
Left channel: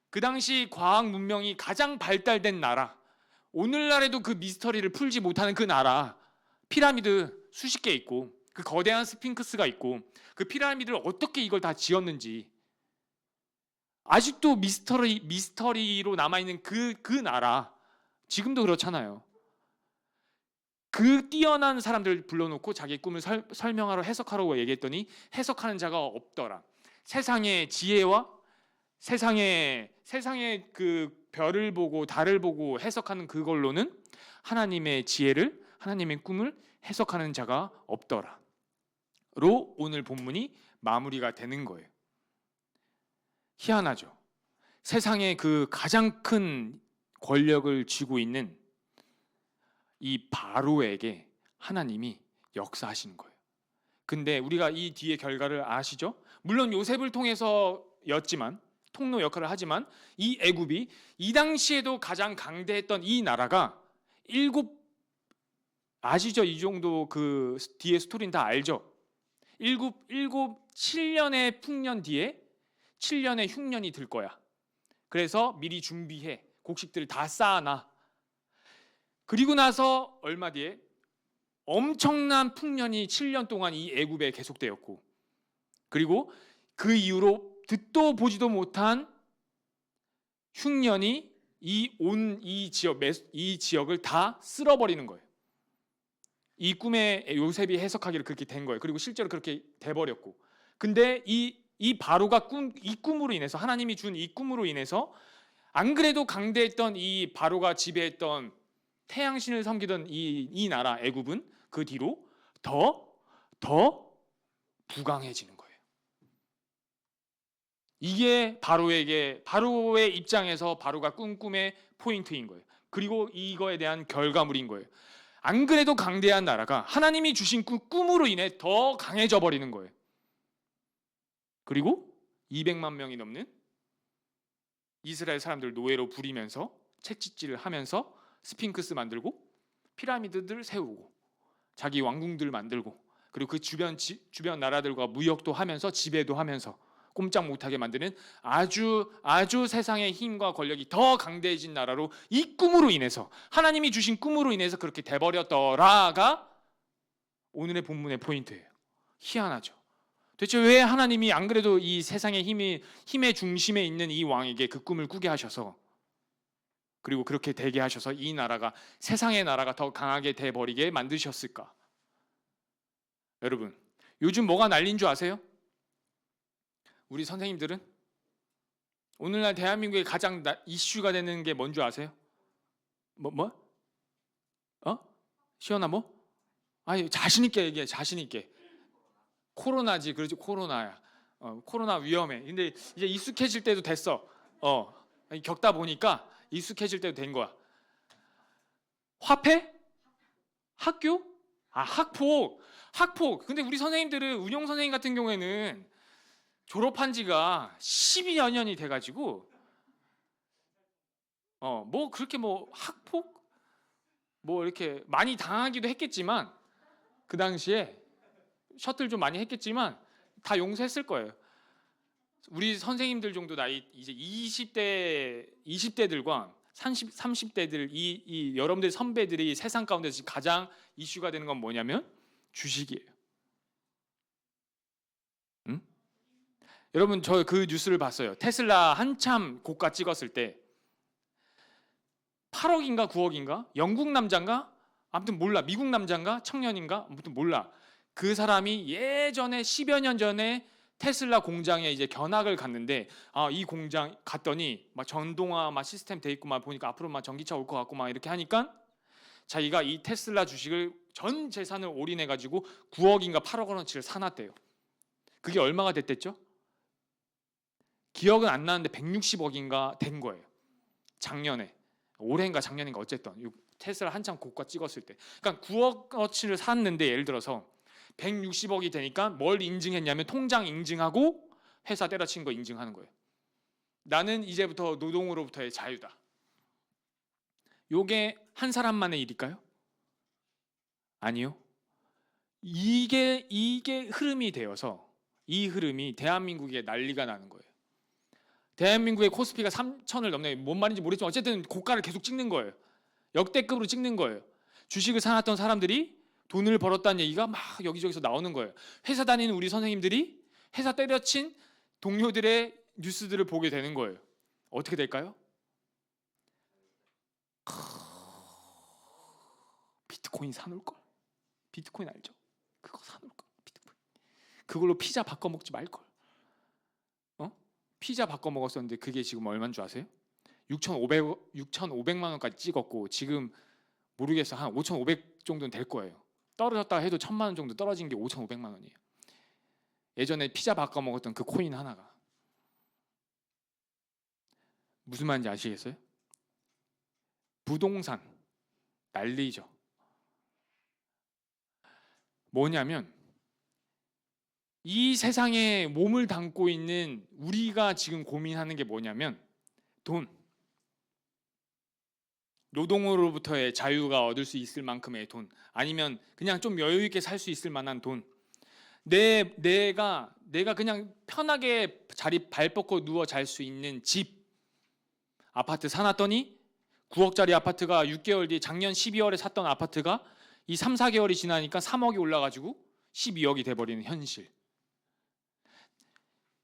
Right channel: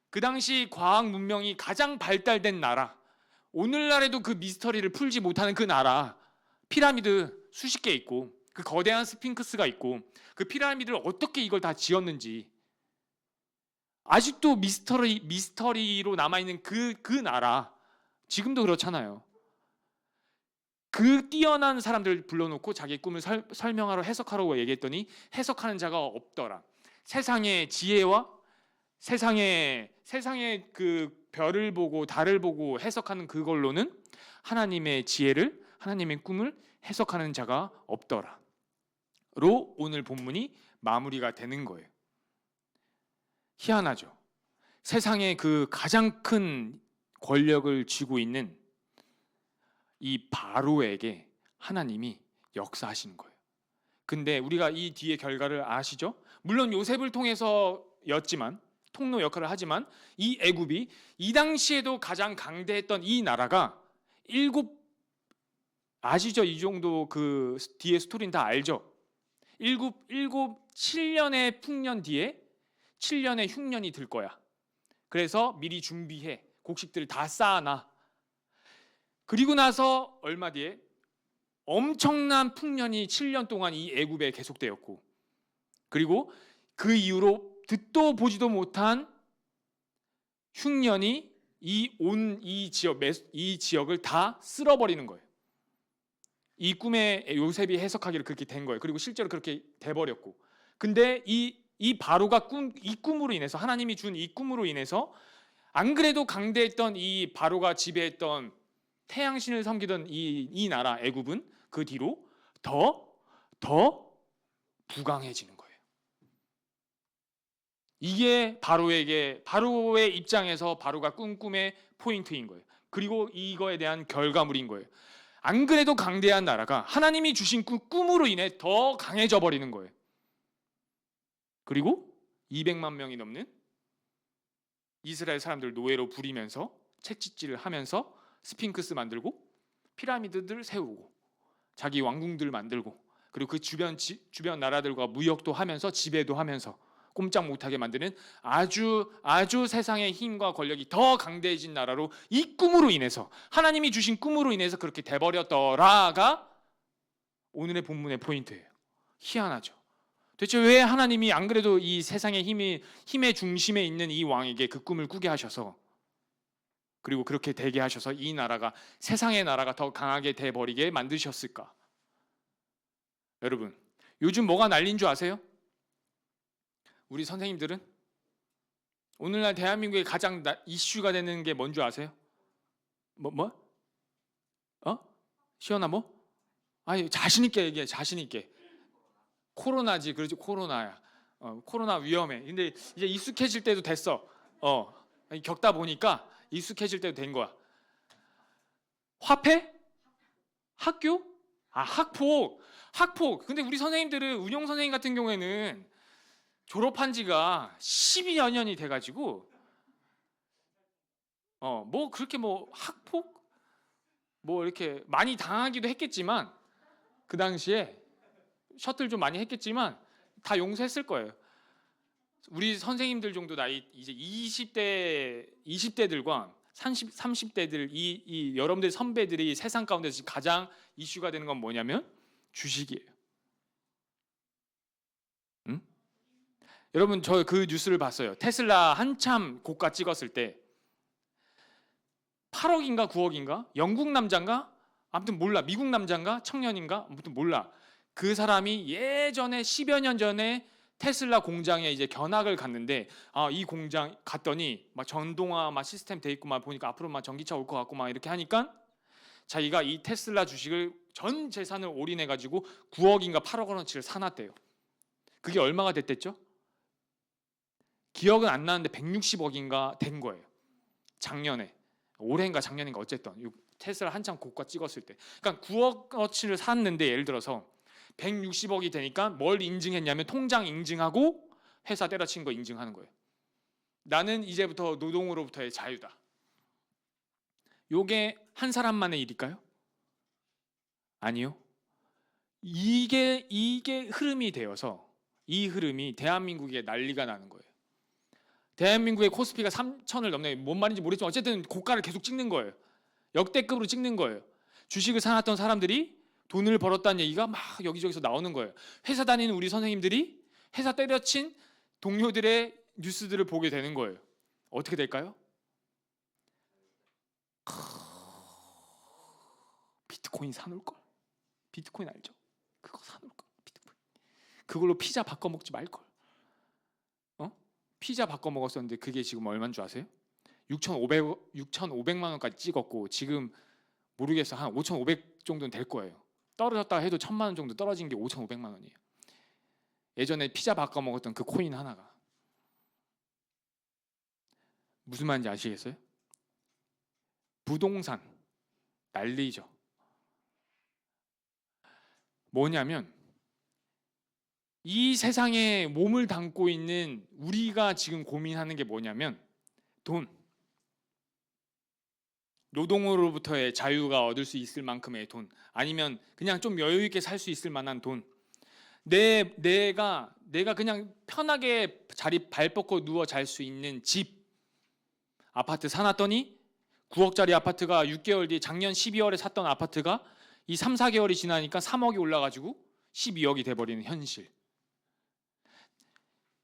그 당시 과학 문명이 가장 발달된 나라, 오늘날에도 그 미스터리를 풀지 못하는 그 나라, 피라미드 수십 개 있고 그 거대한 스핑크스가 있고 그 피라미드를 어떻게 이걸 다 지었는지 아직도 미스터리로 남아있는 그 나라, 지금도 그렇잖아요. 그 뛰어난 사람들을 불러놓고 자기 꿈을 설명하러 해석하라고 얘기했더니 해석하는 자가 없더라. 세상의 지혜와 세상의 그 별을 보고 달을 보고 해석하는 그걸로는 하나님의 지혜를, 하나님의 꿈을 해석하는 자가 없더라. 로 오늘 본문이 마무리가 되는 거예요. 희한하죠. 세상의 그 가장 큰 권력을 쥐고 있는 이 바로에게 하나님이 역사하시는 거예요. 근데 우리가 이 뒤의 결과를 아시죠? 물론 요셉을 통해서였지만, 통로 역할을 하지만 이 애굽이 이 당시에도 가장 강대했던 이 나라가 아시죠? 이 정도 그 뒤에 스토리는 다 알죠? 7년의 풍년 뒤에 7년의 흉년이 들 거야. 그래서 미리 준비해. 곡식들을 다 쌓아놔. 그리고 나서 얼마 뒤에 엄청난 풍년이 7년 동안 이 애굽에 계속되었고, 그리고 그 이후로 듣도 보지도 못한 흉년이 이 지역을 다 쓸어버리는 거예요. 이 꿈에 요셉이 해석하기를 그렇게 된 거예요. 그리고 실제로 그렇게 돼버렸고, 근데 이 바로가 이 꿈으로 인해서, 하나님이 준 이 꿈으로 인해서 안 그래도 강대했던 이 바로가 지배했던 태양신을 섬기던 이 나라 애굽은 그 뒤로 더 부강해지는 거예요. 이게 바로의 입장에서 바로가 꾼 꿈의 포인트인 거예요. 그리고 이거에 대한 결과물인 거예요. 안 그래도 강대한 나라가 하나님이 주신 꿈으로 인해 더 강해져 버리는 거예요. 그리고 200만 명이 넘는 이스라엘 사람들 노예로 부리면서 채찍질을 하면서 스핑크스 만들고 피라미드들 세우고 자기 왕궁들 만들고, 그리고 그 주변 나라들과 무역도 하면서 지배도 하면서 꼼짝 못하게 만드는 아주 세상의 힘과 권력이 더 강대해진 나라로, 이 꿈으로 인해서, 하나님이 주신 꿈으로 인해서 그렇게 돼버렸더라가 오늘의 본문의 포인트예요. 희한하죠. 대체 왜 하나님이 안 그래도 이 세상의 힘의 중심에 있는 이 왕에게 그 꿈을 꾸게 하셔서, 그리고 그렇게 되게 하셔서 이 나라가, 세상의 나라가 더 강하게 돼버리게 만드셨을까? 여러분, 요즘 뭐가 난리인 줄 아세요? 우리 선생님들은 오늘날 대한민국의 가장 이슈가 되는 게 뭔 줄 아세요? 시연아 뭐? 아니, 자신 있게 얘기해. 자신 있게. 코로나지. 그렇지, 코로나야. 코로나 위험해. 근데 이제 익숙해질 때도 됐어. 겪다 보니까 익숙해질 때도 된 거야. 화폐? 학교? 학폭. 근데 우리 선생님들은, 운영 선생님 같은 경우에는 졸업한 지가 12여 년이 돼가지고 뭐 그렇게 뭐 학폭 뭐 이렇게 많이 당하기도 했겠지만, 그 당시에 셔틀 좀 많이 했겠지만 다 용서했을 거예요. 우리 선생님들 정도 나이, 이제 20대들과 30대들, 이 여러분들 선배들이 세상 가운데서 지금 가장 이슈가 되는 건 뭐냐면 주식이에요. 응? 여러분, 저 그 뉴스를 봤어요. 테슬라 한참 고가 찍었을 때 8억인가 9억인가 영국 남자인가, 아무튼 몰라, 미국 남자인가 청년인가, 아무튼 몰라, 그 사람이 예전에 10여 년 전에 테슬라 공장에 이제 견학을 갔는데, 이 공장 갔더니 막 전동화 막 시스템 돼 있고 막 보니까 앞으로 막 전기차 올 것 같고 막 이렇게 하니까 자기가 이 테슬라 주식을 전 재산을 올인해 가지고 9억인가 8억 원어치를 사놨대요. 그게 얼마가 됐댔죠? 기억은 안 나는데 160억인가 된 거예요. 작년에, 올해인가 작년인가, 어쨌든 테슬라 한참 고가 찍었을 때. 그러니까 9억어치를 샀는데 예를 들어서 160억이 되니까 뭘 인증했냐면 통장 인증하고 회사 때려친 거 인증하는 거예요. 나는 이제부터 노동으로부터의 자유다. 요게 한 사람만의 일일까요? 아니요. 이게 흐름이 되어서 이 흐름이 대한민국에 난리가 나는 거예요. 대한민국의 코스피가 3천을 넘네. 뭔 말인지 모르겠지만 어쨌든 고가를 계속 찍는 거예요. 역대급으로 찍는 거예요. 주식을 사놨던 사람들이 돈을 벌었다는 얘기가 막 여기저기서 나오는 거예요. 회사 다니는 우리 선생님들이 회사 때려친 동료들의 뉴스들을 보게 되는 거예요. 어떻게 될까요? 비트코인 사놓을걸? 비트코인 알죠? 그거 사놓을걸? 비트코인. 그걸로 피자 바꿔 먹지 말걸. 피자 바꿔 먹었었는데 그게 지금 얼마인 줄 아세요? 6,500만 원까지 찍었고 지금 모르겠어. 한 5,500 정도는 될 거예요. 떨어졌다 해도 1,000만 원 정도 떨어진 게 5,500만 원이에요. 예전에 피자 바꿔 먹었던 그 코인 하나가. 무슨 말인지 아시겠어요? 부동산 난리죠. 뭐냐면 이 세상에 몸을 담고 있는 우리가 지금 고민하는 게 뭐냐면 돈, 노동으로부터의 자유가 얻을 수 있을 만큼의 돈, 아니면 그냥 좀 여유 있게 살 수 있을 만한 돈, 내가 그냥 편하게 발 뻗고 누워 잘 수 있는 집, 아파트 사놨더니 9억짜리 아파트가 6개월 뒤에 작년 12월에 샀던 아파트가 이 3, 4개월이 지나니까 3억이 올라가지고 12억이 돼버리는 현실.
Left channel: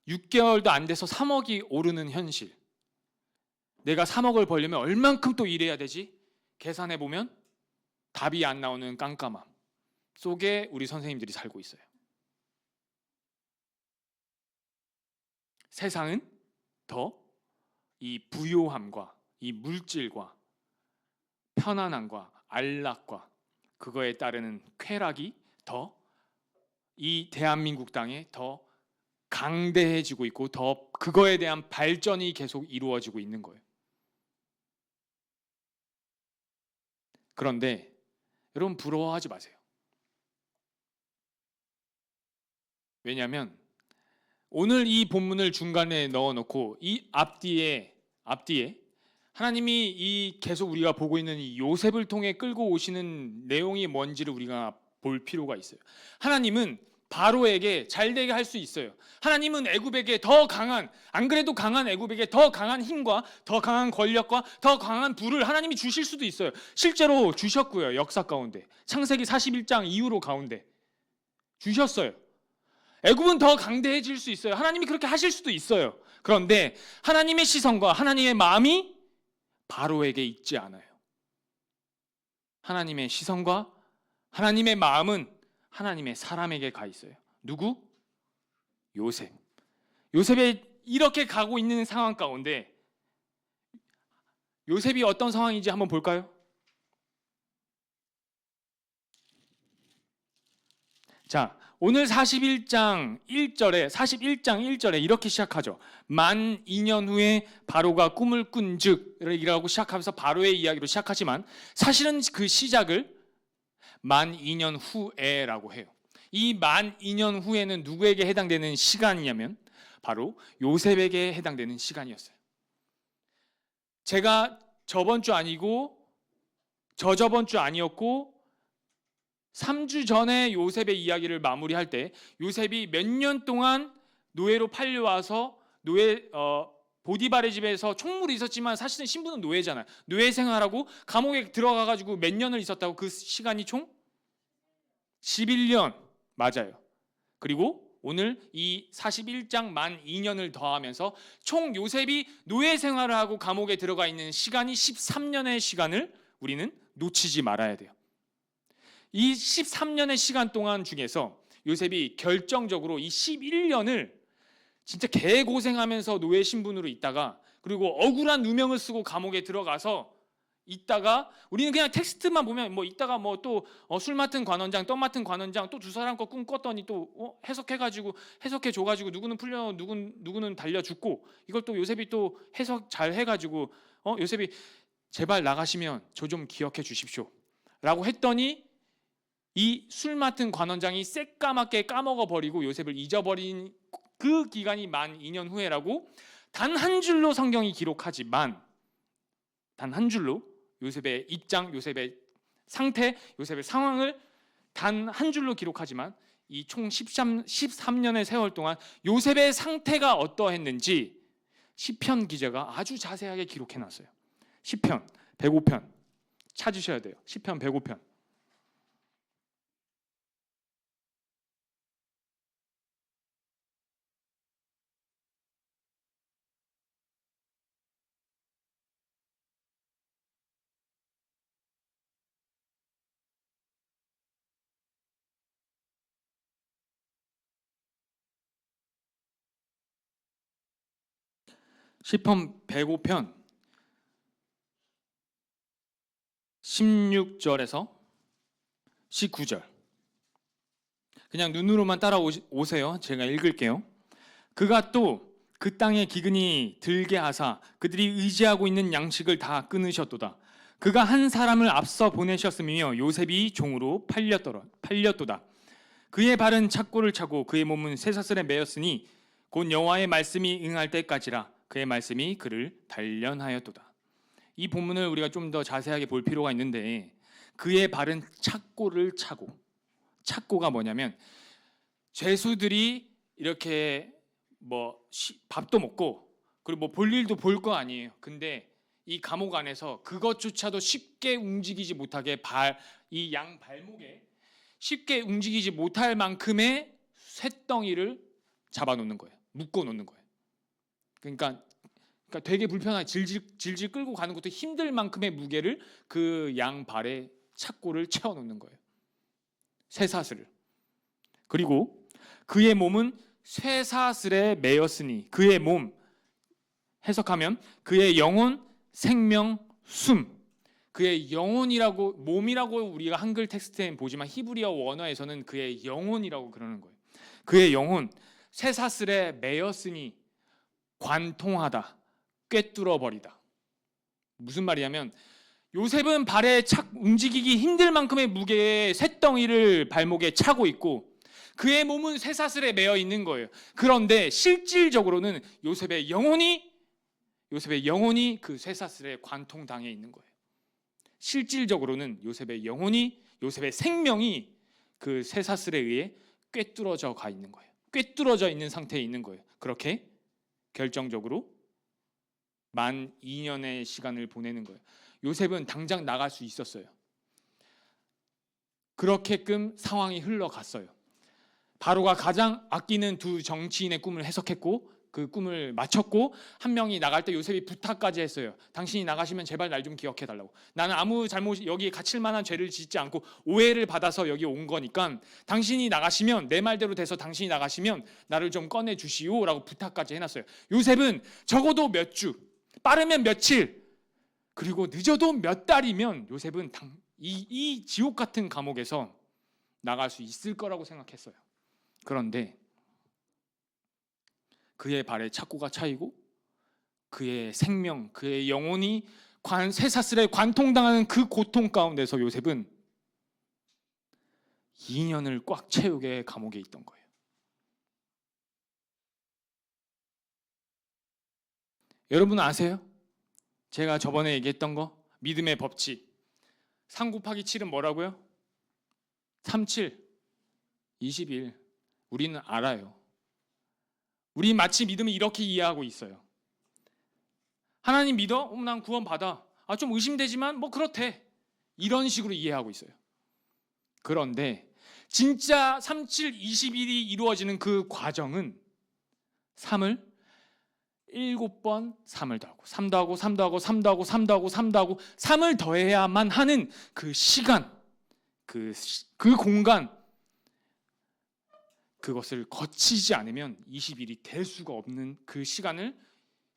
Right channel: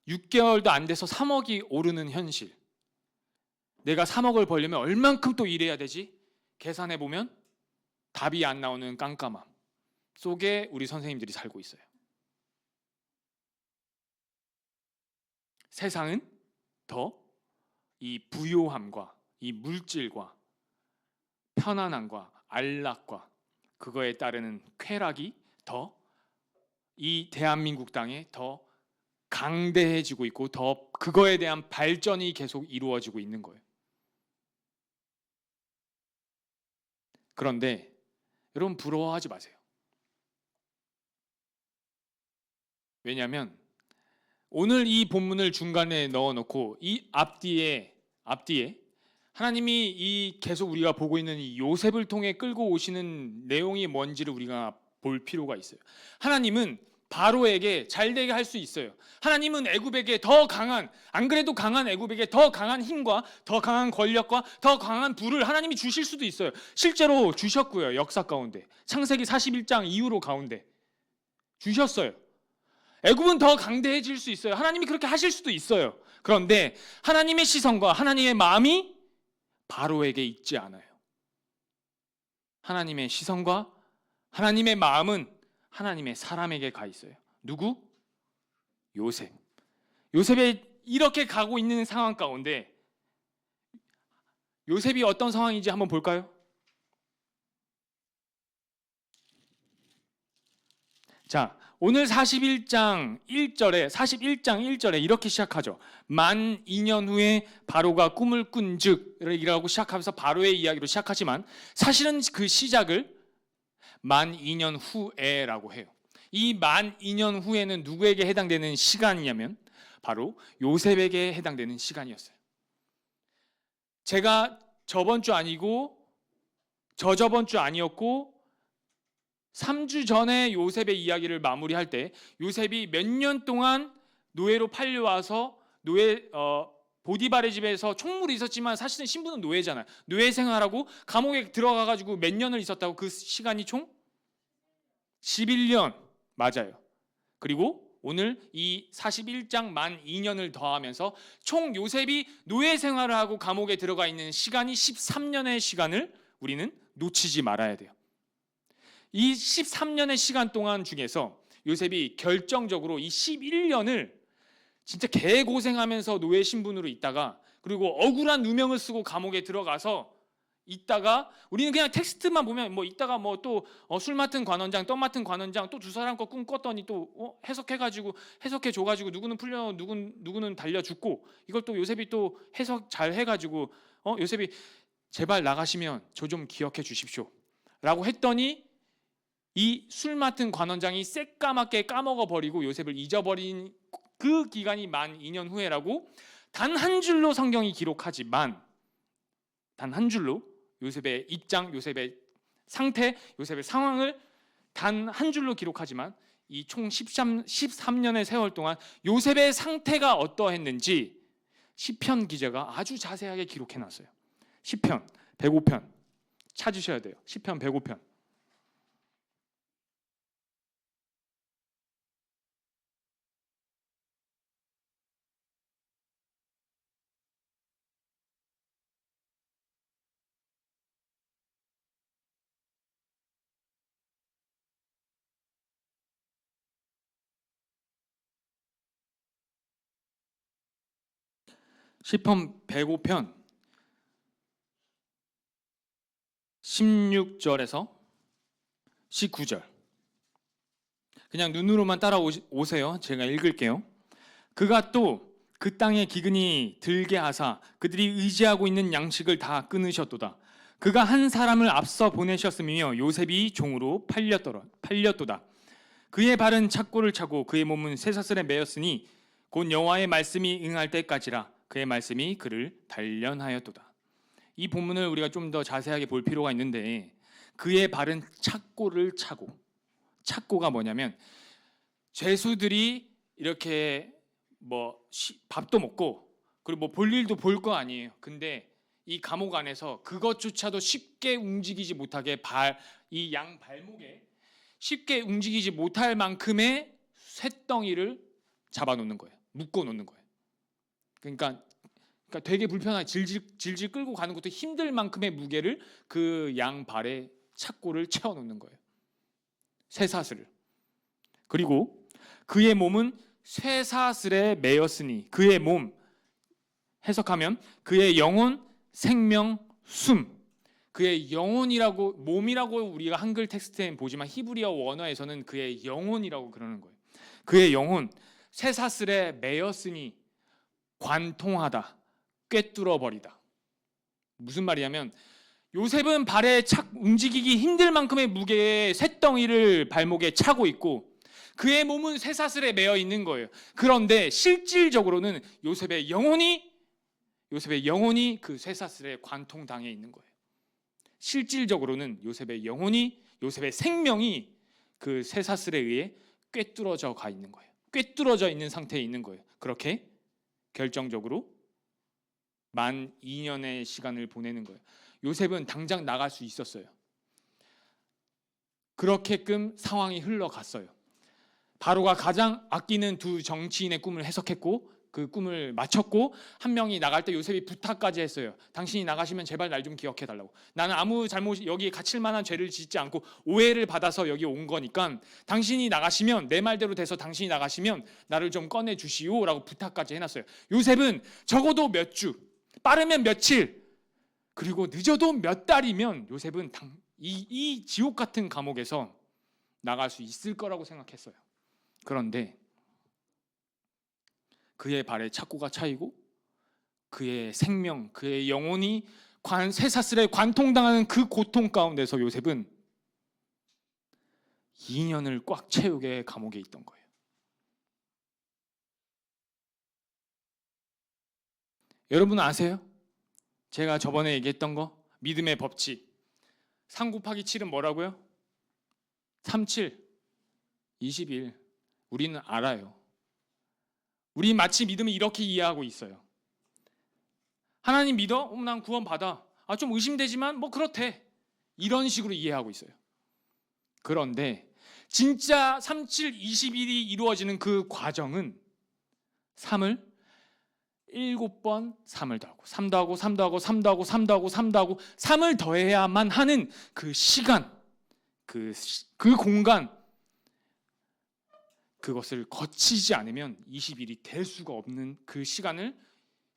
6개월도 안 돼서 3억이 오르는 현실. 내가 3억을 벌려면 얼만큼 또 일해야 되지? 계산해 보면 답이 안 나오는 깜깜함 속에 우리 선생님들이 살고 있어요. 세상은 더 이 부요함과 이 물질과 편안함과 안락과 그거에 따르는 쾌락이 더 이 대한민국 땅에 더 강대해지고 있고 더 그거에 대한 발전이 계속 이루어지고 있는 거예요. 그런데 여러분 부러워하지 마세요. 왜냐하면 오늘 이 본문을 중간에 넣어놓고 이 앞뒤에 하나님이 이 계속 우리가 보고 있는 이 요셉을 통해 끌고 오시는 내용이 뭔지를 우리가 볼 필요가 있어요. 하나님은 바로에게 잘되게 할 수 있어요. 하나님은 애굽에게 더 강한, 안 그래도 강한 애굽에게 더 강한 힘과 더 강한 권력과 더 강한 부를 하나님이 주실 수도 있어요. 실제로 주셨고요. 역사 가운데 창세기 41장 이후로 가운데 주셨어요. 애굽은 더 강대해질 수 있어요. 하나님이 그렇게 하실 수도 있어요. 그런데 하나님의 시선과 하나님의 마음이 바로에게 있지 않아요. 하나님의 시선과 하나님의 마음은 하나님의 사람에게 가 있어요. 누구? 요셉. 요셉이 이렇게 가고 있는 상황 가운데 요셉이 어떤 상황인지 한번 볼까요? 자, 오늘 41장 1절에 이렇게 시작하죠. 만 2년 후에 바로가 꿈을 꾼즉이라고 시작하면서 바로의 이야기로 시작하지만 사실은 그 시작을 만 2년 후에라고 해요. 이 만 2년 후에는 누구에게 해당되는 시간이냐면 바로 요셉에게 해당되는 시간이었어요. 제가 저번 주 아니고 저저번 주 아니었고 3주 전에 요셉의 이야기를 마무리할 때 요셉이 몇 년 동안 노예로 팔려와서 보디발의 집에서 총무로 있었지만 사실은 신분은 노예잖아요. 노예 생활하고 감옥에 들어가가지고 몇 년을 있었다고? 그 시간이 총 11년 맞아요. 그리고 오늘 이 41장 만 2년을 더하면서 총 요셉이 노예 생활을 하고 감옥에 들어가 있는 시간이 13년의 시간을 우리는 놓치지 말아야 돼요. 이 13년의 시간 동안 중에서 요셉이 결정적으로 이 11년을 진짜 개고생하면서 노예 신분으로 있다가 그리고 억울한 누명을 쓰고 감옥에 들어가서 있다가 우리는 그냥 텍스트만 보면 뭐 있다가 뭐 또 술 맡은 관원장, 떡 맡은 관원장 또 두 사람 거 꿈 꿨더니 또 해석해가지고 해석해 줘가지고 누구는 풀려 누구는 달려 죽고 이걸 또 요셉이 또 해석 잘 해가지고 요셉이 제발 나가시면 저 좀 기억해 주십시오 라고 했더니 이 술 맡은 관원장이 새까맣게 까먹어 버리고 요셉을 잊어버린 그 기간이 만 2년 후에라고 단 한 줄로 성경이 기록하지만, 단 한 줄로 요셉의 입장, 요셉의 상태, 요셉의 상황을 단 한 줄로 기록하지만 이 총 13년의 세월 동안 요셉의 상태가 어떠했는지 시편 기자가 아주 자세하게 기록해놨어요. 시편 105편 찾으셔야 돼요. 시편 105편. 시편 105편 16절에서 19절. 그냥 눈으로만 따라오세요. 제가 읽을게요. 그가 또 그 땅에 기근이 들게 하사 그들이 의지하고 있는 양식을 다 끊으셨도다. 그가 한 사람을 앞서 보내셨으며 요셉이 종으로 팔렸도다. 그의 발은 착고를 차고 그의 몸은 쇠사슬에 매였으니 곧 여호와의 말씀이 응할 때까지라. 그의 말씀이 그를 단련하였도다. 이 본문을 우리가 좀 더 자세하게 볼 필요가 있는데, 그의 발은 착고를 차고, 착고가 뭐냐면 죄수들이 이렇게 밥도 먹고 그리고 볼 일도 볼 거 아니에요. 근데 이 감옥 안에서 그것조차도 쉽게 움직이지 못하게 이 양 발목에 쉽게 움직이지 못할 만큼의 쇳덩이를 잡아놓는 거예요. 묶어놓는 거예요. 그러니까 되게 불편하게 질질 끌고 가는 것도 힘들 만큼의 무게를 그 양 발에 착고를 채워놓는 거예요. 쇠사슬을. 그리고 그의 몸은 쇠사슬에 매였으니, 그의 몸 해석하면 그의 영혼, 생명, 숨. 그의 영혼이라고, 몸이라고 우리가 한글 텍스트에 보지만 히브리어 원어에서는 그의 영혼이라고 그러는 거예요. 그의 영혼, 쇠사슬에 매였으니 관통하다, 꿰뚫어 버리다. 무슨 말이냐면 요셉은 발에 움직이기 힘들 만큼의 무게의 쇳덩이를 발목에 차고 있고 그의 몸은 쇠사슬에 매여 있는 거예요. 그런데 실질적으로는 요셉의 영혼이 그 쇠사슬에 관통당해 있는 거예요. 실질적으로는 요셉의 영혼이, 요셉의 생명이 그 쇠사슬에 의해 꿰뚫어져 가 있는 거예요. 꿰뚫어져 있는 상태에 있는 거예요. 그렇게 결정적으로 만 2년의 시간을 보내는 거예요. 요셉은 당장 나갈 수 있었어요. 그렇게끔 상황이 흘러갔어요. 바로가 가장 아끼는 두 정치인의 꿈을 해석했고 그 꿈을 마쳤고, 한 명이 나갈 때 요셉이 부탁까지 했어요. 당신이 나가시면 제발 날 좀 기억해 달라고. 나는 아무 잘못, 여기에 갇힐 만한 죄를 짓지 않고 오해를 받아서 여기 온 거니까 당신이 나가시면, 내 말대로 돼서 당신이 나가시면 나를 좀 꺼내 주시오라고 부탁까지 해놨어요. 요셉은 적어도 몇 주, 빠르면 며칠, 그리고 늦어도 몇 달이면 요셉은 이 지옥 같은 감옥에서 나갈 수 있을 거라고 생각했어요. 그런데 그의 발에 착고가 차이고 그의 생명, 그의 영혼이 쇠사슬에 관통당하는 그 고통 가운데서 요셉은 2년을 꽉 채우게 감옥에 있던 거예요. 여러분 아세요? 제가 저번에 얘기했던 거, 믿음의 법칙 3 곱하기 7은 뭐라고요? 37, 21. 우리는 알아요. 우리 마치 믿음을 이렇게 이해하고 있어요. 하나님 믿어? 난 구원 받아. 좀 의심되지만 뭐 그렇대. 이런 식으로 이해하고 있어요. 그런데 진짜 37, 21이 이루어지는 그 과정은 3을 7번 3을 더하고 3도 하고 3도 하고 3도 하고 3도 하고 3도 하고 3을 더해야만 하는 그 시간, 그 공간, 그것을 거치지 않으면 20일이 될 수가 없는 그 시간을,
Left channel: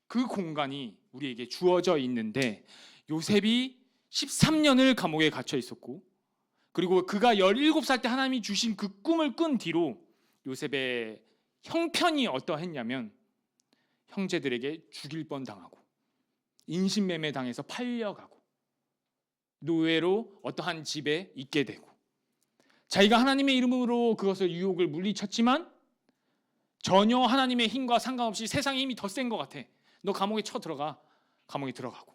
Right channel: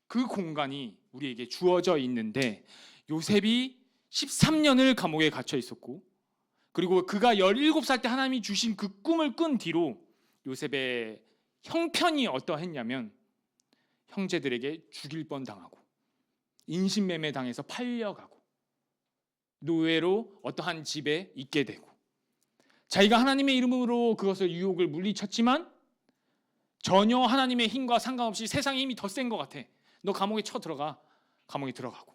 그 공간이 우리에게 주어져 있는데, 요셉이 13년을 감옥에 갇혀 있었고, 그리고 그가 17살 때 하나님이 주신 그 꿈을 꾼 뒤로 요셉의 형편이 어떠했냐면 형제들에게 죽일 뻔 당하고 인신매매 당해서 팔려가고 노예로 어떠한 집에 있게 되고, 자기가 하나님의 이름으로 그것을 유혹을 물리쳤지만 전혀 하나님의 힘과 상관없이 세상의 힘이 더 센 것 같아. 너 감옥에 들어가. 감옥에 들어가고,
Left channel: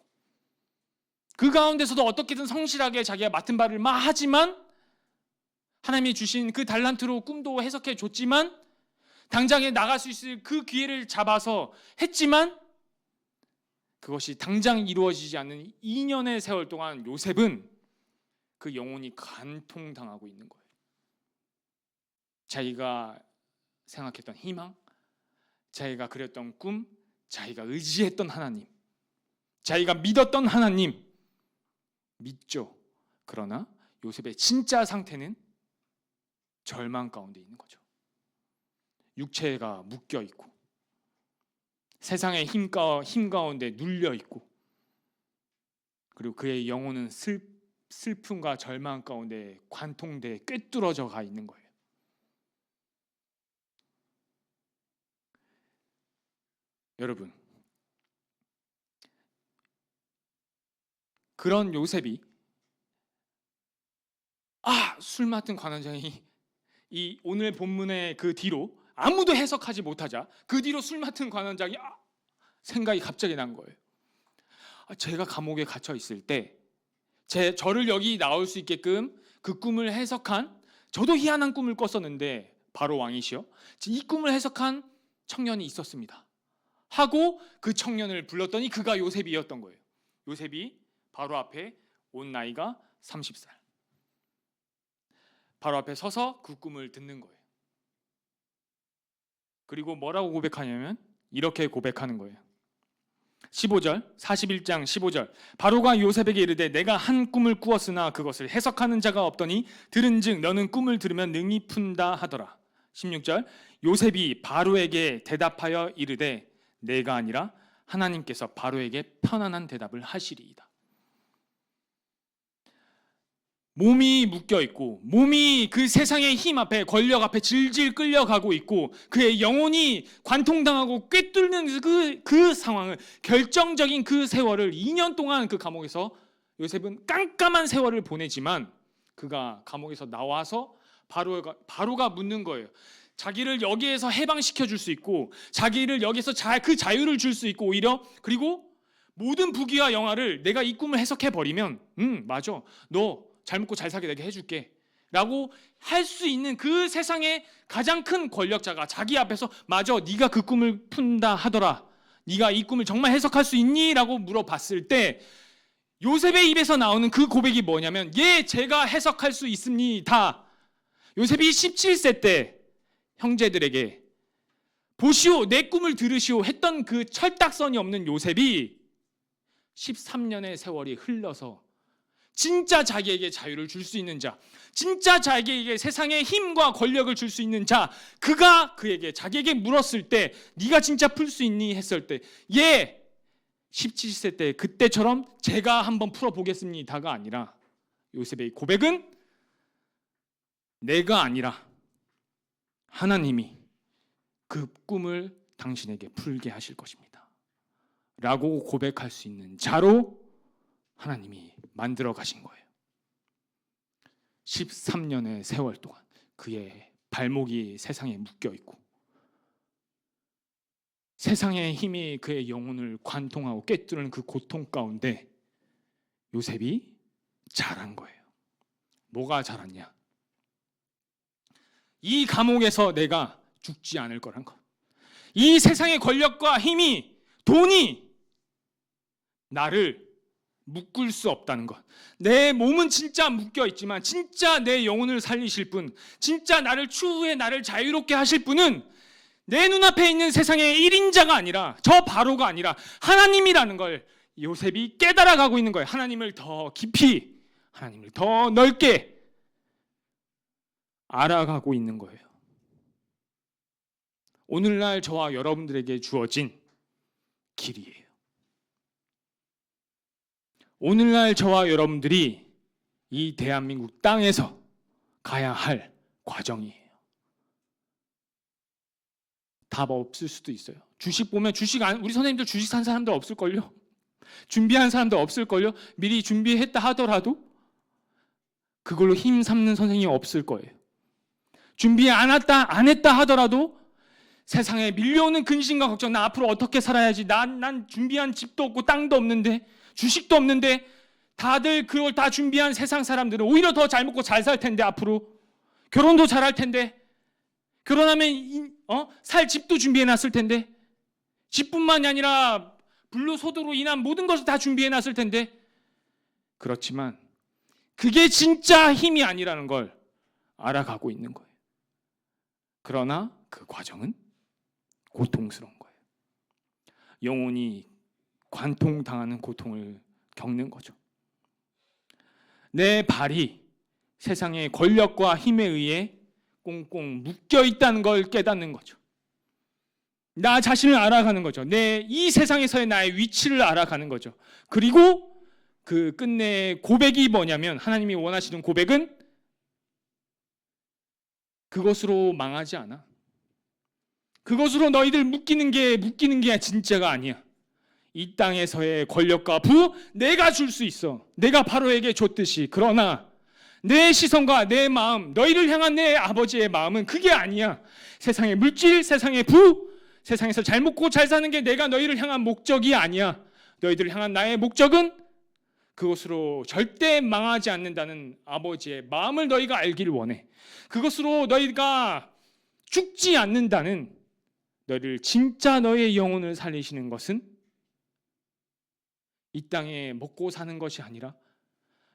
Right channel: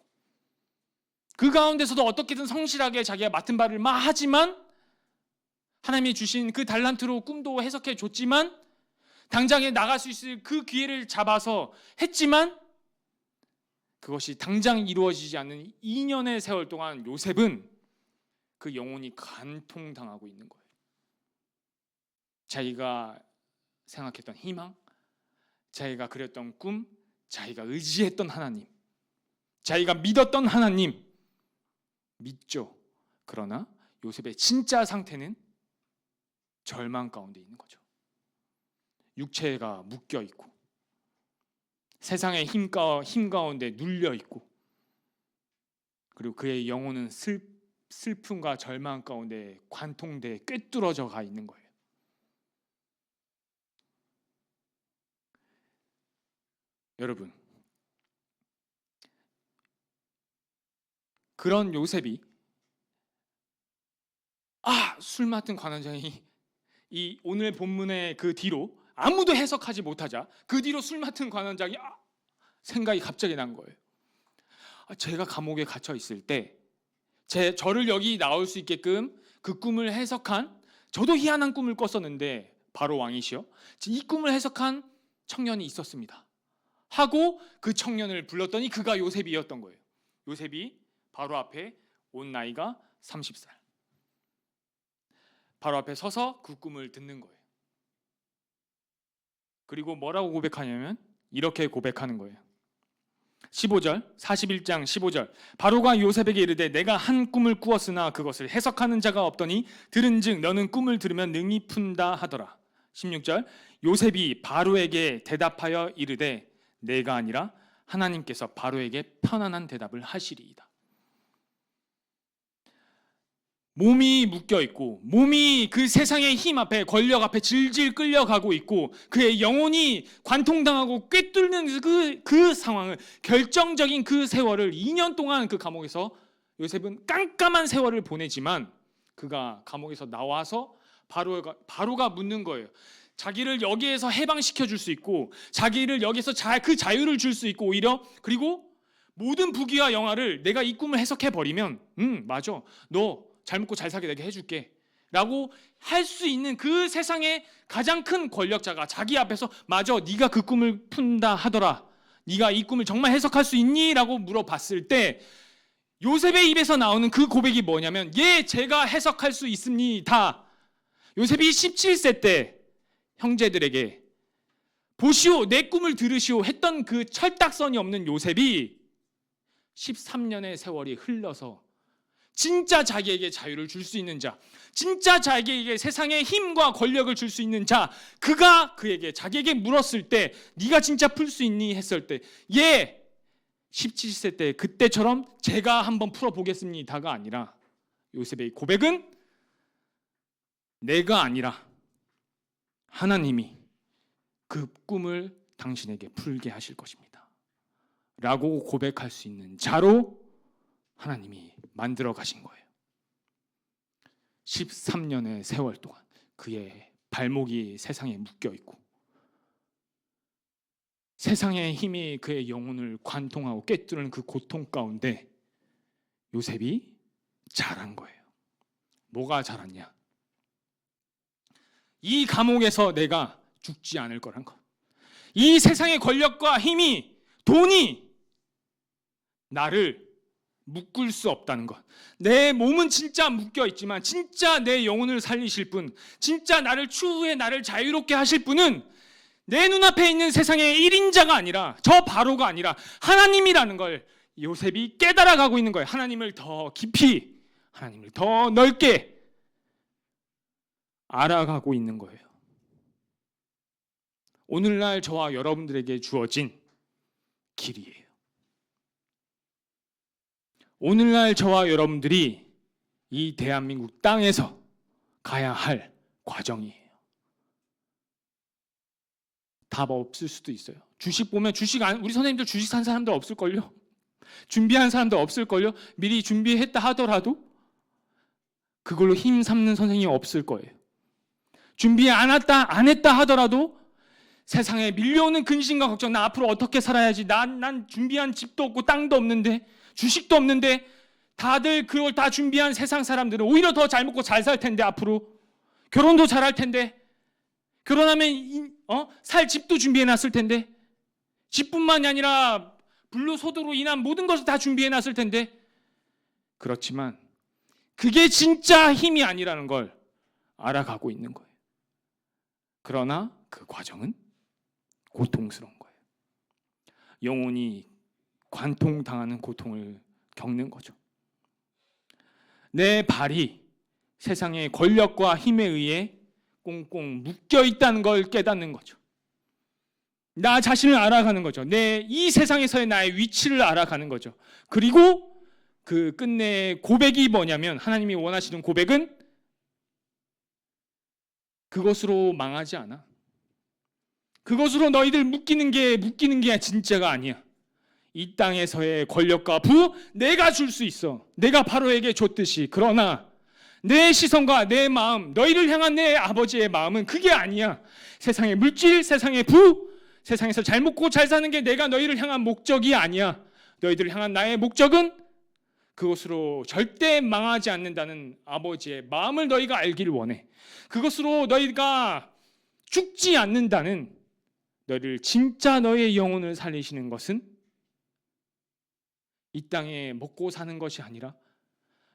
그 가운데서도 어떻게든 성실하게 자기가 맡은 바를 하지만 하나님이 주신 그 달란트로 꿈도 해석해 줬지만 당장에 나갈 수 있을 그 기회를 잡아서 했지만 그것이 당장 이루어지지 않는 2년의 세월 동안 요셉은 그 영혼이 간통당하고 있는 거예요. 자기가 생각했던 희망, 자기가 그렸던 꿈, 자기가 의지했던 하나님, 자기가 믿었던 하나님 믿죠. 그러나 요셉의 진짜 상태는 절망 가운데 있는 거죠. 육체가 묶여 있고 세상의 힘 가운데 눌려 있고, 그리고 그의 영혼은 슬픔과 절망 가운데 관통돼 꿰뚫어져 가 있는 거예요. 여러분, 그런 요셉이 술 맡은 관원장이 이 오늘 본문의 그 뒤로 아무도 해석하지 못하자 그 뒤로 술 맡은 관원장이 생각이 갑자기 난 거예요. 제가 감옥에 갇혀 있을 때 저를 여기 나올 수 있게끔 그 꿈을 해석한, 저도 희한한 꿈을 꿨었는데 바로 왕이시여 이 꿈을 해석한 청년이 있었습니다 하고 그 청년을 불렀더니 그가 요셉이었던 거예요. 요셉이 바로 앞에 온 나이가 30살, 바로 앞에 서서 그 꿈을 듣는 거예요. 그리고 뭐라고 고백하냐면 이렇게 고백하는 거예요. 15절, 41장 15절. 바로가 요셉에게 이르되 내가 한 꿈을 꾸었으나 그것을 해석하는 자가 없더니 들은즉 너는 꿈을 들으면 능히 푼다 하더라. 16절. 요셉이 바로에게 대답하여 이르되 내가 아니라 하나님께서 바로에게 편안한 대답을 하시리이다. 몸이 묶여 있고 몸이 그 세상의 힘 앞에, 권력 앞에 질질 끌려가고 있고 그의 영혼이 관통당하고 꿰뚫는 그 상황을, 결정적인 그 세월을 2년 동안 그 감옥에서 요셉은 깜깜한 세월을 보내지만 그가 감옥에서 나와서 바로가 묻는 거예요. 자기를 여기에서 해방시켜 줄 수 있고 자기를 여기서 그 자유를 줄 수 있고, 오히려 그리고 모든 부귀와 영화를 내가 이 꿈을 해석해 버리면 맞아, 너 잘 먹고 잘 살게 되게 해줄게 라고 할 수 있는 그 세상의 가장 큰 권력자가 자기 앞에서 맞아, 네가 그 꿈을 푼다 하더라, 네가 이 꿈을 정말 해석할 수 있니? 라고 물어봤을 때 요셉의 입에서 나오는 그 고백이 뭐냐면 예, 제가 해석할 수 있습니다. 요셉이 17세 때 형제들에게 보시오, 내 꿈을 들으시오 했던 그 철딱선이 없는 요셉이 13년의 세월이 흘러서 진짜 자기에게 자유를 줄 수 있는 자, 진짜 자기에게 세상의 힘과 권력을 줄 수 있는 자, 그가 자기에게 물었을 때 네가 진짜 풀 수 있니? 했을 때 예, 17세 때 그때처럼 제가 한번 풀어보겠습니다가 아니라 요셉의 고백은 내가 아니라 하나님이 그 꿈을 당신에게 풀게 하실 것입니다 라고 고백할 수 있는 자로 하나님이 만들어 가신 거예요. 13년의 세월 동안 그의 발목이 세상에 묶여 있고 세상의 힘이 그의 영혼을 관통하고 꿰뚫는 그 고통 가운데 요셉이 자란 거예요. 뭐가 자랐냐? 이 감옥에서 내가 죽지 않을 거란 것, 이 세상의 권력과 힘이, 돈이 나를 묶을 수 없다는 것, 내 몸은 진짜 묶여 있지만 진짜 내 영혼을 살리실 분, 진짜 나를 추후에 나를 자유롭게 하실 분은 내 눈앞에 있는 세상의 1인자가 아니라, 저 바로가 아니라 하나님이라는 걸 요셉이 깨달아가고 있는 거예요. 하나님을 더 깊이, 하나님을 더 넓게 알아가고 있는 거예요. 오늘날 저와 여러분들에게 주어진 길이에요. 오늘날 저와 여러분들이 이 대한민국 땅에서 가야 할 과정이에요. 답 없을 수도 있어요. 주식 보면 우리 선생님들 주식 산 사람들 없을걸요? 준비한 사람도 없을걸요? 미리 준비했다 하더라도 그걸로 힘 삼는 선생님이 없을 거예요. 준비 안 했다 하더라도 세상에 밀려오는 근심과 걱정, 나 앞으로 어떻게 살아야지, 난 준비한 집도 없고 땅도 없는데, 주식도 없는데, 다들 그걸 다 준비한 세상 사람들은 오히려 더 잘 먹고 잘 살 텐데, 앞으로 결혼도 잘할 텐데, 결혼하면 살 집도 준비해놨을 텐데, 집뿐만이 아니라 불로소득으로 인한 모든 것을 다 준비해놨을 텐데, 그렇지만 그게 진짜 힘이 아니라는 걸 알아가고 있는 거예요. 그러나 그 과정은 고통스러운 거예요. 영혼이 관통당하는 고통을 겪는 거죠. 내 발이 세상의 권력과 힘에 의해 꽁꽁 묶여 있다는 걸 깨닫는 거죠. 나 자신을 알아가는 거죠. 이 세상에서의 나의 위치를 알아가는 거죠. 그리고 그 끝내 고백이 뭐냐면, 하나님이 원하시는 고백은 그것으로 망하지 않아. 그것으로 너희들 묶이는 게 진짜가 아니야. 이 땅에서의 권력과 부 내가 줄 수 있어. 내가 바로에게 줬듯이. 그러나 내 시선과 내 마음, 너희를 향한 내 아버지의 마음은 그게 아니야. 세상의 물질, 세상의 부, 세상에서 잘 먹고 잘 사는 게 내가 너희를 향한 목적이 아니야. 너희들을 향한 나의 목적은 그것으로 절대 망하지 않는다는 아버지의 마음을 너희가 알기를 원해. 그것으로 너희가 죽지 않는다는, 너희를 진짜 너의 영혼을 살리시는 것은 이 땅에 먹고 사는 것이 아니라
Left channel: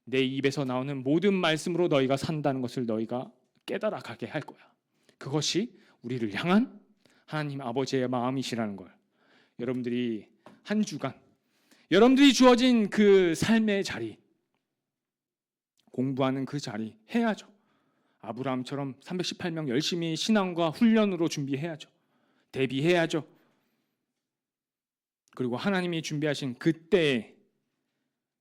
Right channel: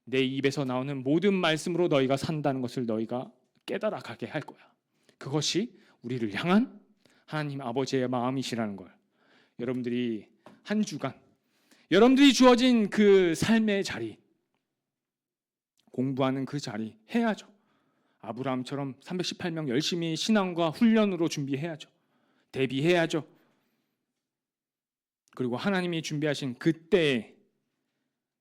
내 입에서 나오는 모든 말씀으로 너희가 산다는 것을 너희가 깨달아가게 할 거야. 그것이 우리를 향한 하나님 아버지의 마음이시라는 걸 여러분들이 한 주간 여러분들이 주어진 그 삶의 자리, 공부하는 그 자리 해야죠. 아브라함처럼 318명 열심히 신앙과 훈련으로 준비해야죠. 대비해야죠. 그리고 하나님이 준비하신 그때에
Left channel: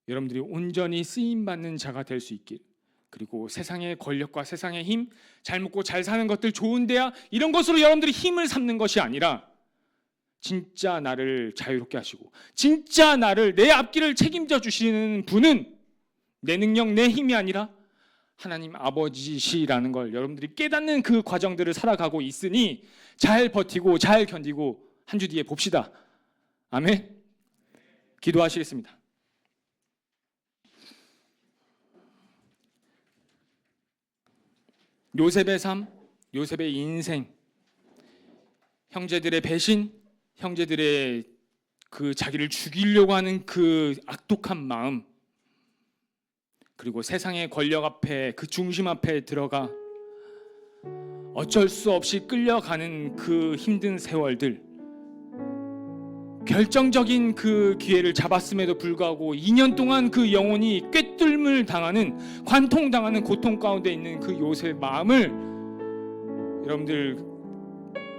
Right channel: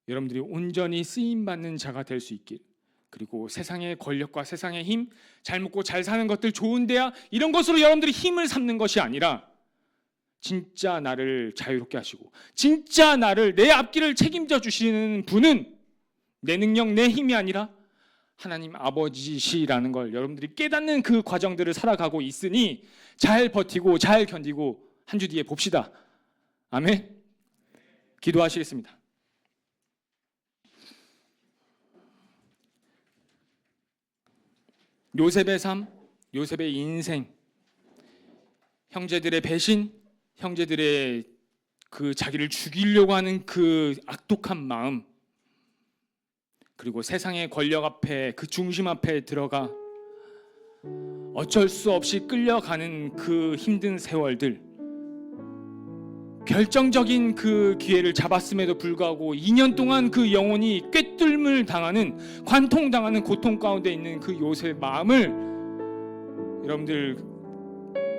여러분들이 온전히 쓰임받는 자가 될 수 있길, 그리고 세상의 권력과 세상의 힘, 잘 먹고 잘 사는 것들, 좋은 대학, 이런 것으로 여러분들이 힘을 삼는 것이 아니라 진짜 나를 자유롭게 하시고 진짜 나를, 내 앞길을 책임져 주시는 분은 내 능력, 내 힘이 아니라 하나님 아버지시라는 걸 여러분들이 깨닫는 그 과정들을 살아가고 있으니 잘 버티고 잘 견디고 한 주 뒤에 봅시다. 아멘. 기도하시겠습니다. 요셉의 삶, 요셉의 인생, 형제들의 배신, 형제들의 그 자기를 죽이려고 하는 그 악독한 마음, 그리고 세상의 권력 앞에, 그 중심 앞에 들어가 어쩔 수 없이 끌려가는 그 힘든 세월들, 결정적인 그 기회를 잡았음에도 불구하고 2년 동안 그 영혼이 꿰뚫음을 당하는, 관통당하는 고통 가운데 있는 그 요셉의 마음을 여러분들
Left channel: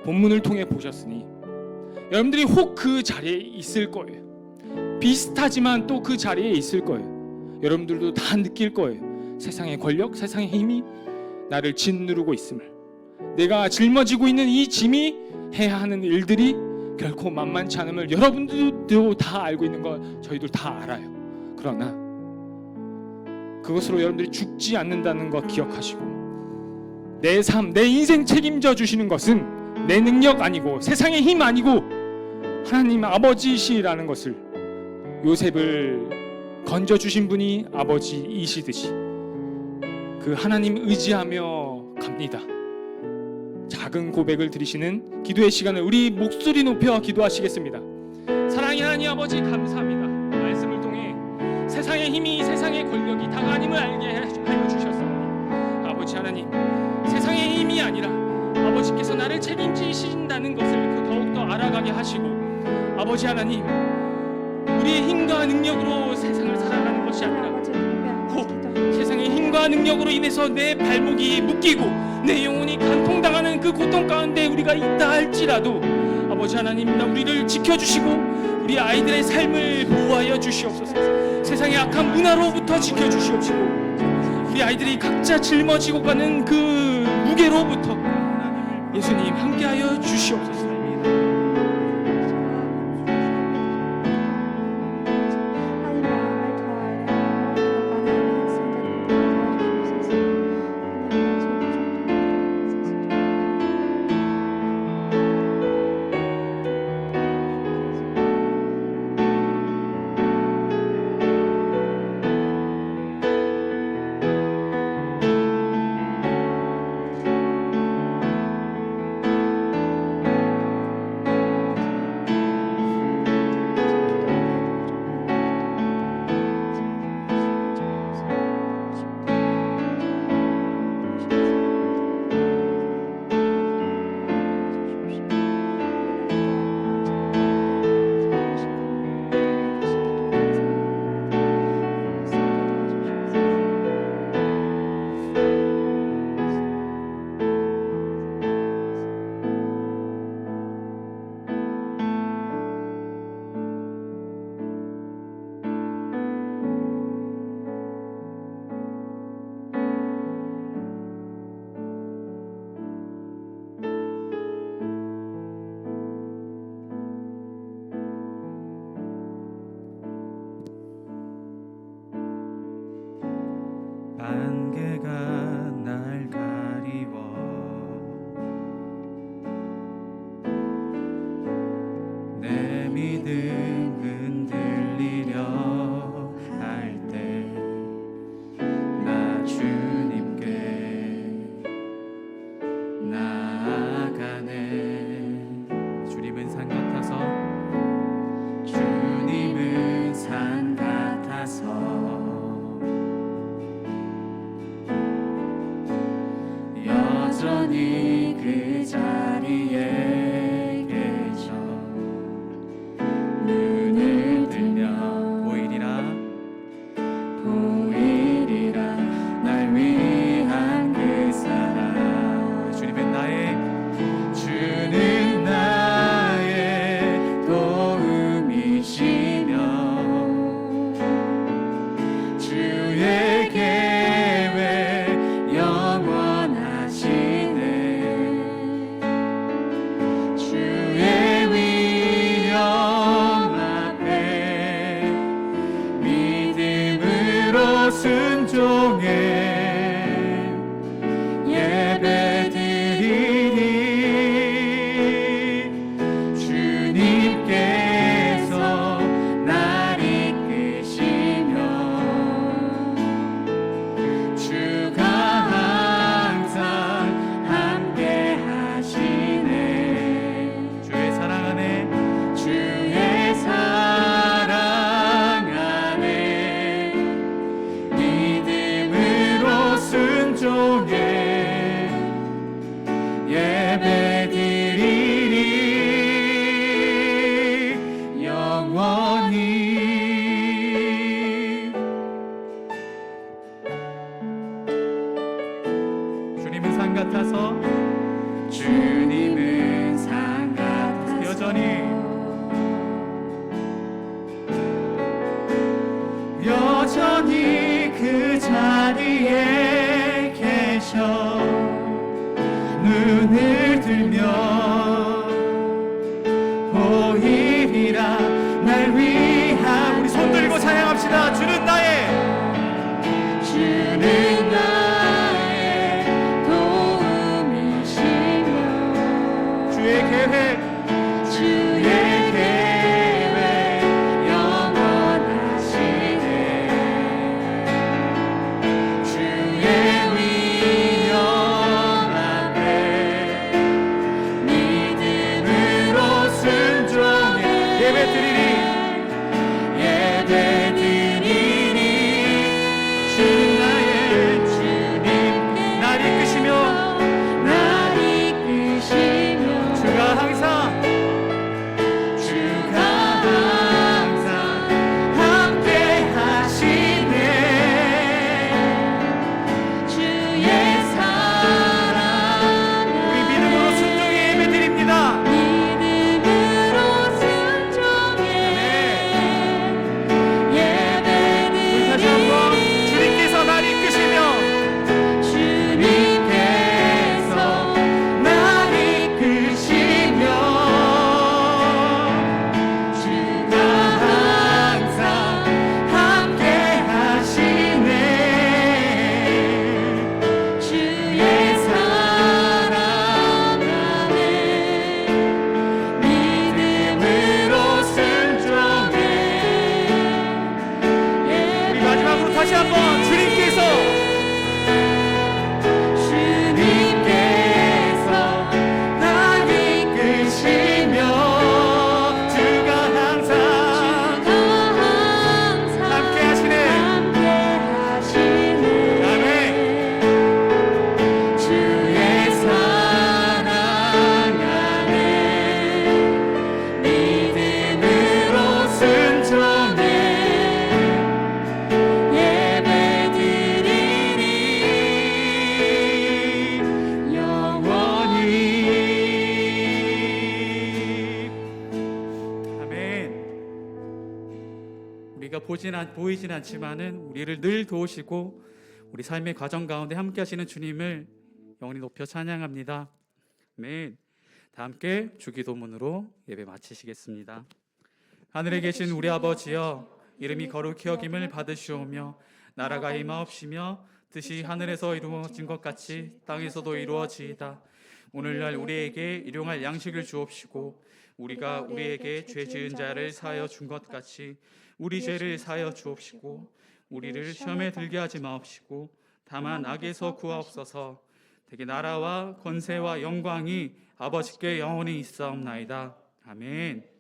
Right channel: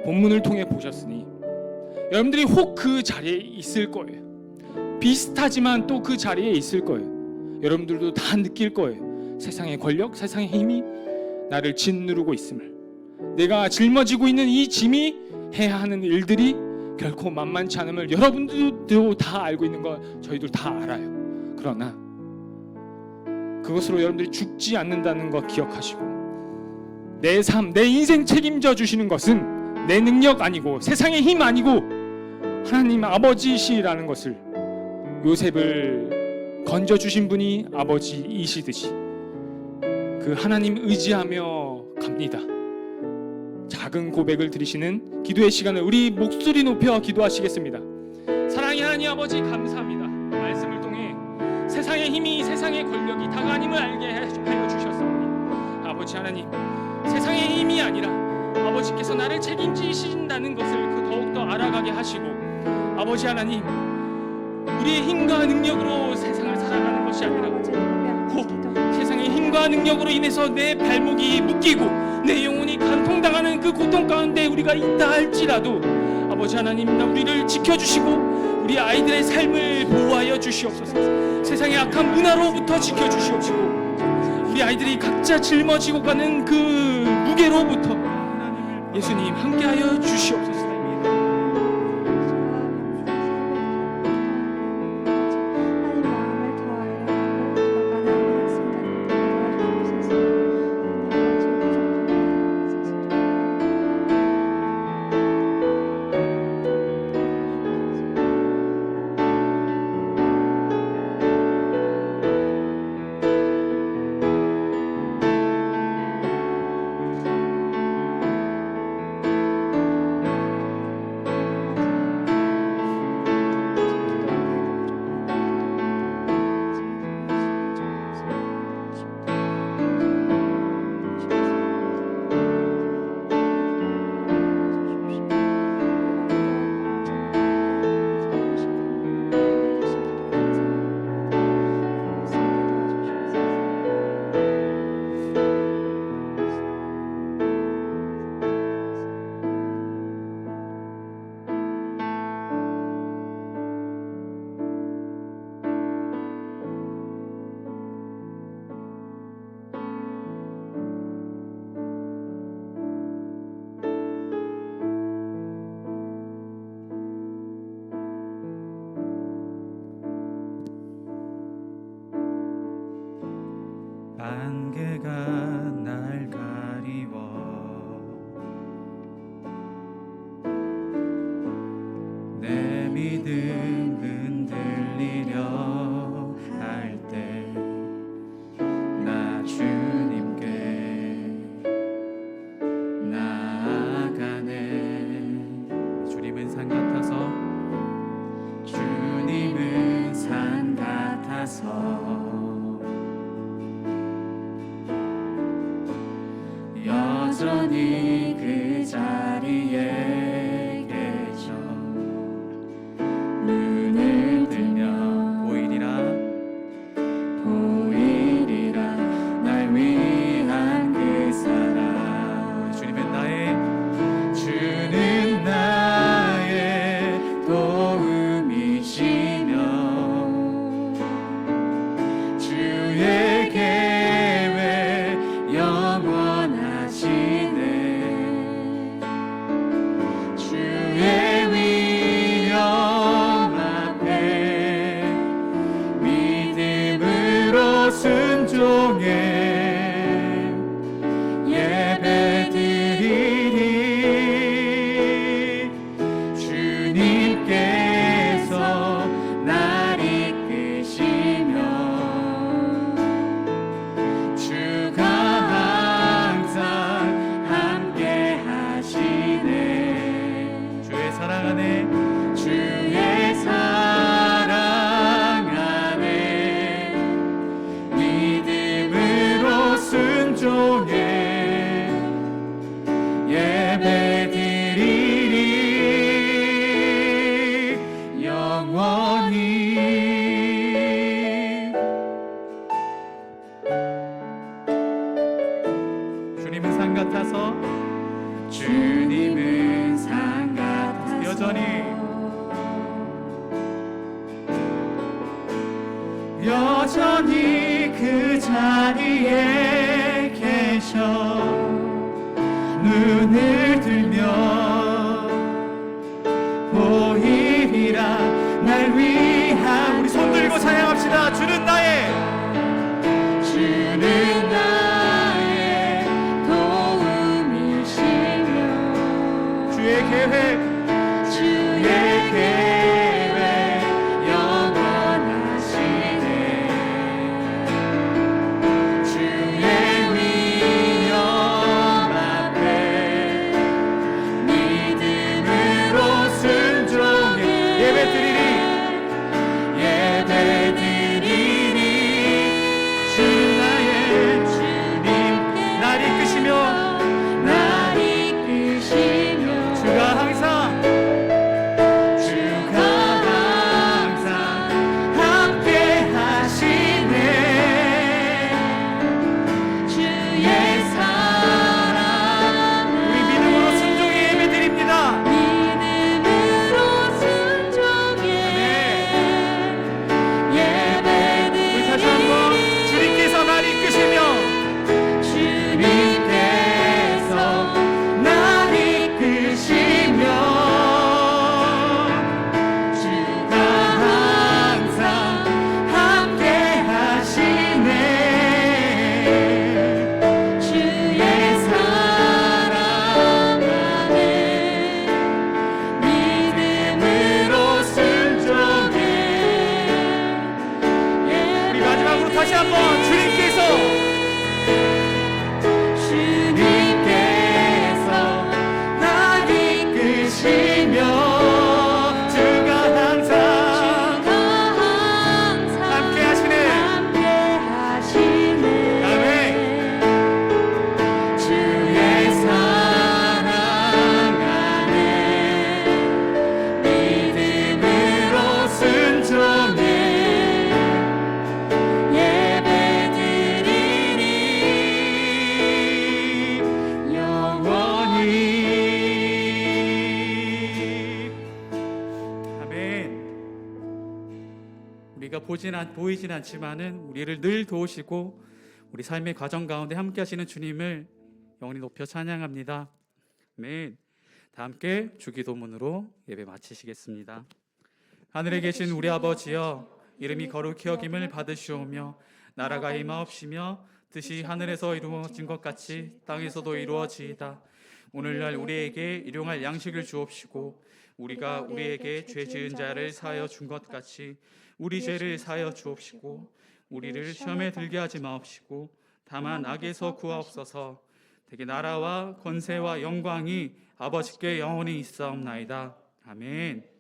본문을 통해 보셨으니 여러분들이 혹 그 자리에 있을 거예요. 비슷하지만 또 그 자리에 있을 거예요. 여러분들도 다 느낄 거예요. 세상의 권력, 세상의 힘이 나를 짓누르고 있음을, 내가 짊어지고 있는 이 짐이 해야 하는 일들이 결코 만만치 않음을 여러분들도 다 알고 있는 거 저희들 다 알아요. 그러나 그것으로 여러분들이 죽지 않는다는 거 기억하시고, 내 삶, 내 인생 책임져 주시는 것은 내 능력 아니고 세상의 힘 아니고 하나님 아버지시라는 것을, 요셉을 건져주신 분이 아버지이시듯이 그 하나님 의지하며 갑니다. 작은 고백을 드리시는 기도의 시간을 우리 목소리 높여 기도하시겠습니다. 사랑의 하나님 아버지, 감사합니다. 말씀을 통해 세상의 힘이, 세상의 권력이 다가 아님을 알게 하여 주셨사오니, 아버지 하나님, 세상의 힘이 아니라 아버지께서 나를 책임지신다는 것을 더욱더 알아가게 하시고, 아버지 하나님, 우리의 힘과 능력으로 세상을 살아가는 것이 아니라 혹 세상의 힘과 능력으로 인해서 내 발목이 묶이고 내 영혼이 간통당하는 그 고통 가운데 우리가 있다 할지라도 아버지 하나님, 우리를 지켜주시고 우리 아이들의 삶을 보호하여 주시옵소서. 세상의 악한 문화로부터 지켜주시옵시고 우리 아이들이 각자 짊어지고 가는 그 무게로부터 예수님 함께하여 주시옵소서. 안개가 날 가리워 내 믿음 흔들리려 할 때 나 주님께 나아가네. 주님은 산 같아서 주님은 산 같아서 여전히 그 자리에 계셔 눈을 들면 보이리라 날 위한 그 사랑. 주는 나의 도움이시며 주의 계획 영원하시네. 주의 위엄 앞에 믿음으로 순종해 예배드리니 주님께서 날 이끄시며 주가 항상 함께 하시네. 주의 사랑 안에 믿음으로 순종해 예배드리리 영원히. 주님은 산 같아서 여전히 그 자리에 계셔 눈을 들면 보이리라 날 위한. 우리 손 들고 찬양합시다. 주는 나의 도움이시며 주의 계획 영원하시네. 주의 위엄 앞에 믿음으로 순종해 예배드리리 주는 나의 주님께 날 이끄시며 주가 항상 함께 하시네. 주의 사랑 우리 믿음으로 순종해 예배드립니다. 우리 다시 한번 주님께서 날 이끄시며 주가 항상 함께 하시네. 주의 사랑 안에 믿음으로 순종해. 우리 마지막으로 다시 한번 주님께서 날 이끄시며 주가 항상 함께 하시네. 아멘. 주의 사랑 안에 믿음으로 순종해 예배드리리 영원히. 아멘. 우리가 보이진 않지만은 우리를 늘 도우시고 우리 삶의 과정 가운데 함께 하시는 주님을 영원히 높여 찬양합니다. 아멘. 다 함께 주기도문으로 예배 마치시겠습니다. 하늘에 계신 우리 아버지여, 이름이 거룩히 여김을 받으시오며 나라가 임하옵시며 뜻이 하늘에서 이루어진 것 같이 땅에서도 이루어지이다. 오늘날 우리에게 일용할 양식을 주옵시고 우리가 우리에게 죄 지은 자를 사하여 준 것 같이 우리 죄를 사하여 주옵시고 우리를 시험에 들게 하지 마옵시고 다만 악에서 구하옵소서. 대개 나라와 권세와 영광이 아버지께 영원히 있사옵나이다. 아멘.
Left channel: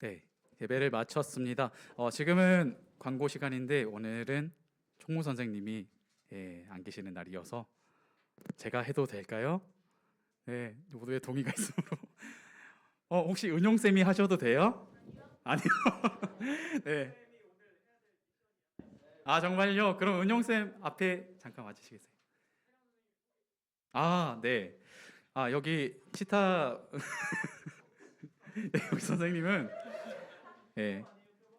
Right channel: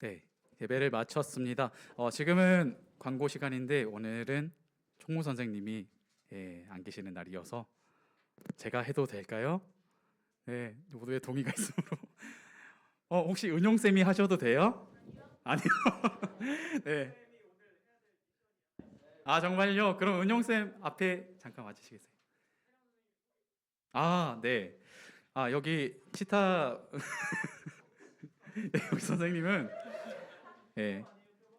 네, 예배를 마쳤습니다. 지금은 광고 시간인데 오늘은 총무 선생님이 안 계시는 날이어서 제가 해도 될까요? 네, 모두의 동의가 있으므로. 혹시 은용 쌤이 하셔도 돼요? 아니요. 네. 아 정말요? 그럼 은용 쌤 앞에 잠깐 와주시겠어요? 아 네. 아 여기 치타 네, 여기 선생님은 네,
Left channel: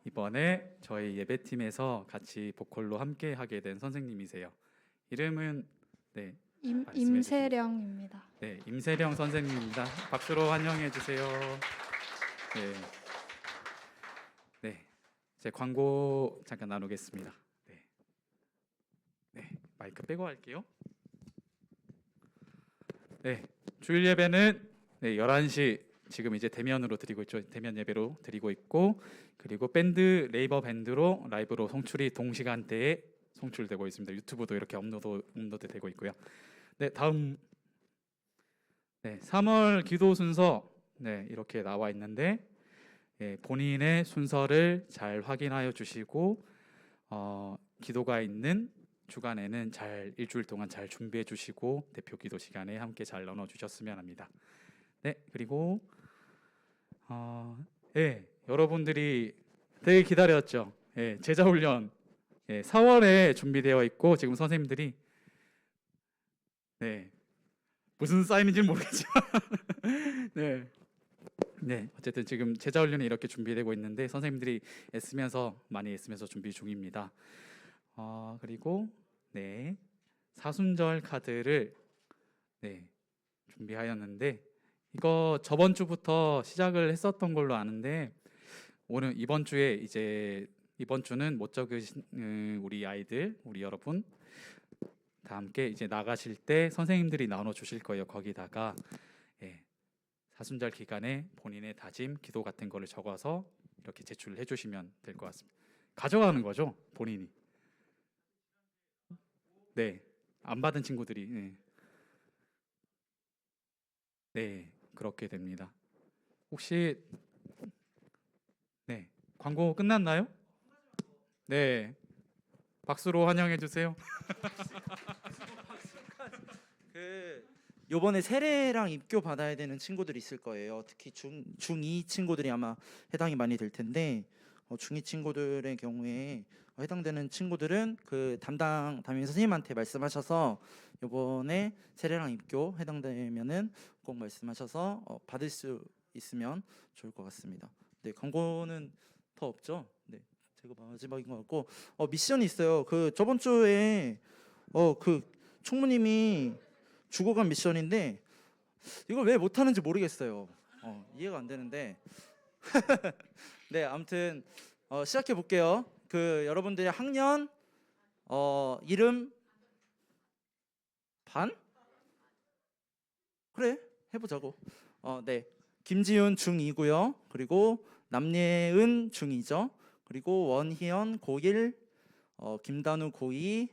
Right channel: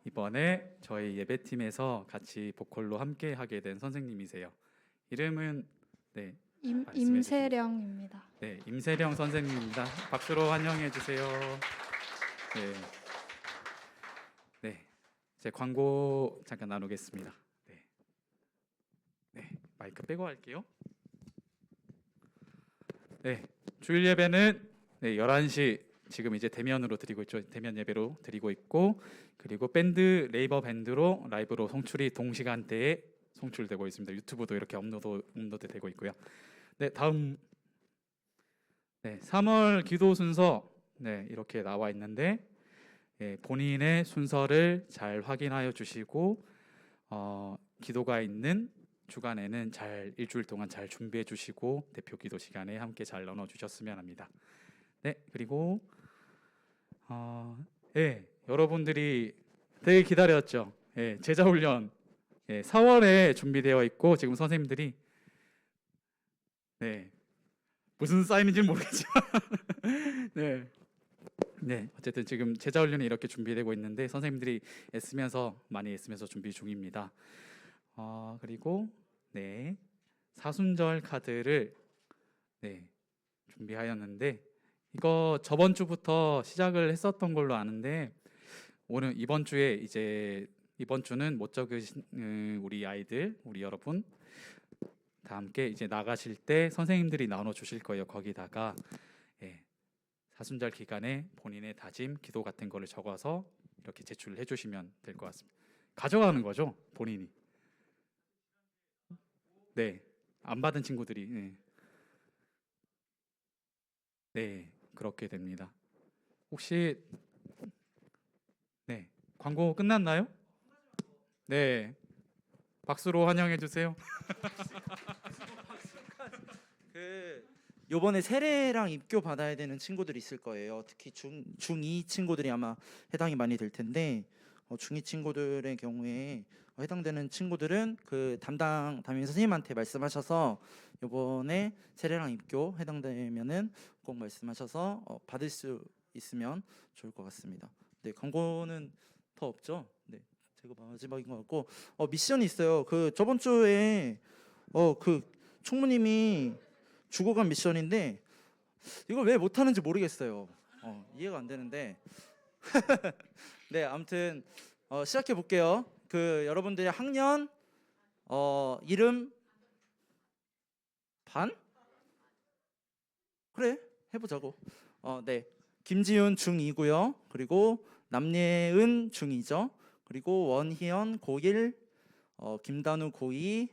이번에 저희 예배팀에서 같이 보컬로 함께 하게 된 선생님이세요. 이름은 네, 말씀해 임세령입니다. 네, 임세령 선생님입니다. 박수로 환영해 주세요. 네, 네, 제 광고 잠깐 나누겠습니다. 네, 네, 마이크 빼고 할게요. 네, 주일 예배는 네, 11시 지금 이제 대면으로 드리고 있죠. 대면 예배로 드리고 있고 그리고 밴드 레이버 밴드로 라이브로 송출이 동시간대에 송출되고 있습니다. 유튜브도 이렇게 업로드 되고 있고요. 네, 다음 네, 3월 기도 순서 네, 이렇게 나와 있는데 본인의 순서를 잘 확인하여 주시고 기도가 있는 주간에는 잘 일주일 동안 잘 준비해 주시고 대표 기도 시간에 함께 잘 나눠 주셨으면 합니다. 네, 그리고 여러분들이 되게 기다렸죠. 제자 훈련 4월에 준비되어 있고 지금 선생님들이 무슨 사인인지는 모르겠지만 네, 어쨌든 지금 제자 훈련이 이렇게 준비되고 있는데 선생님들이 많이 애쓰면서 준비 중입니다. 그리고 사순절 카드를 준비하였는데 이거 저번 주부터 시작을 했었던 걸로 아는데 이번 주는 못 적으신 우리 아이들, 우리 여러분 다 함께 이제 나가실 때 선생님들이 나눠 주실 거예요. 거기다가 사순절 기간에 본인의 다짐, 기도 같은 거를 적어서 이렇게 제출을 해주시면 될 것 같습니다. 가져가는 거죠, 본인이. 네, 안 받은 친구들이 그렇게 됩니다. 혹시 광고 끝났나요? 네, 박수로 환영해 주세요. 요번에 세례랑 입교 받아야 되는 친구들이 있을 거예요. 특히 중2 친구들이 아마 해당이 많이 될 텐데 중2 친구들의 경우에 해당되는 친구들은 그 담임 선생님한테 말씀하셔서 요번에 세례랑 입교 해당되면은 꼭 말씀하셔서 받을 수 있으면 좋을 것 같습니다. 네, 광고는 더 없죠? 네, 제가 마지막인 것 같고 미션이 있어요. 그 저번 주에 그 총무님이 주고 간 미션인데 이걸 왜 못하는지 모르겠어요. 이해가 안 되는데 네, 아무튼 시작해 볼게요. 그 여러분들의 학년 이름 반? 그래, 해보자고. 네, 김지윤 중2고요. 그리고 남예은 중2죠. 그리고 원희연 고1, 김단우 고2.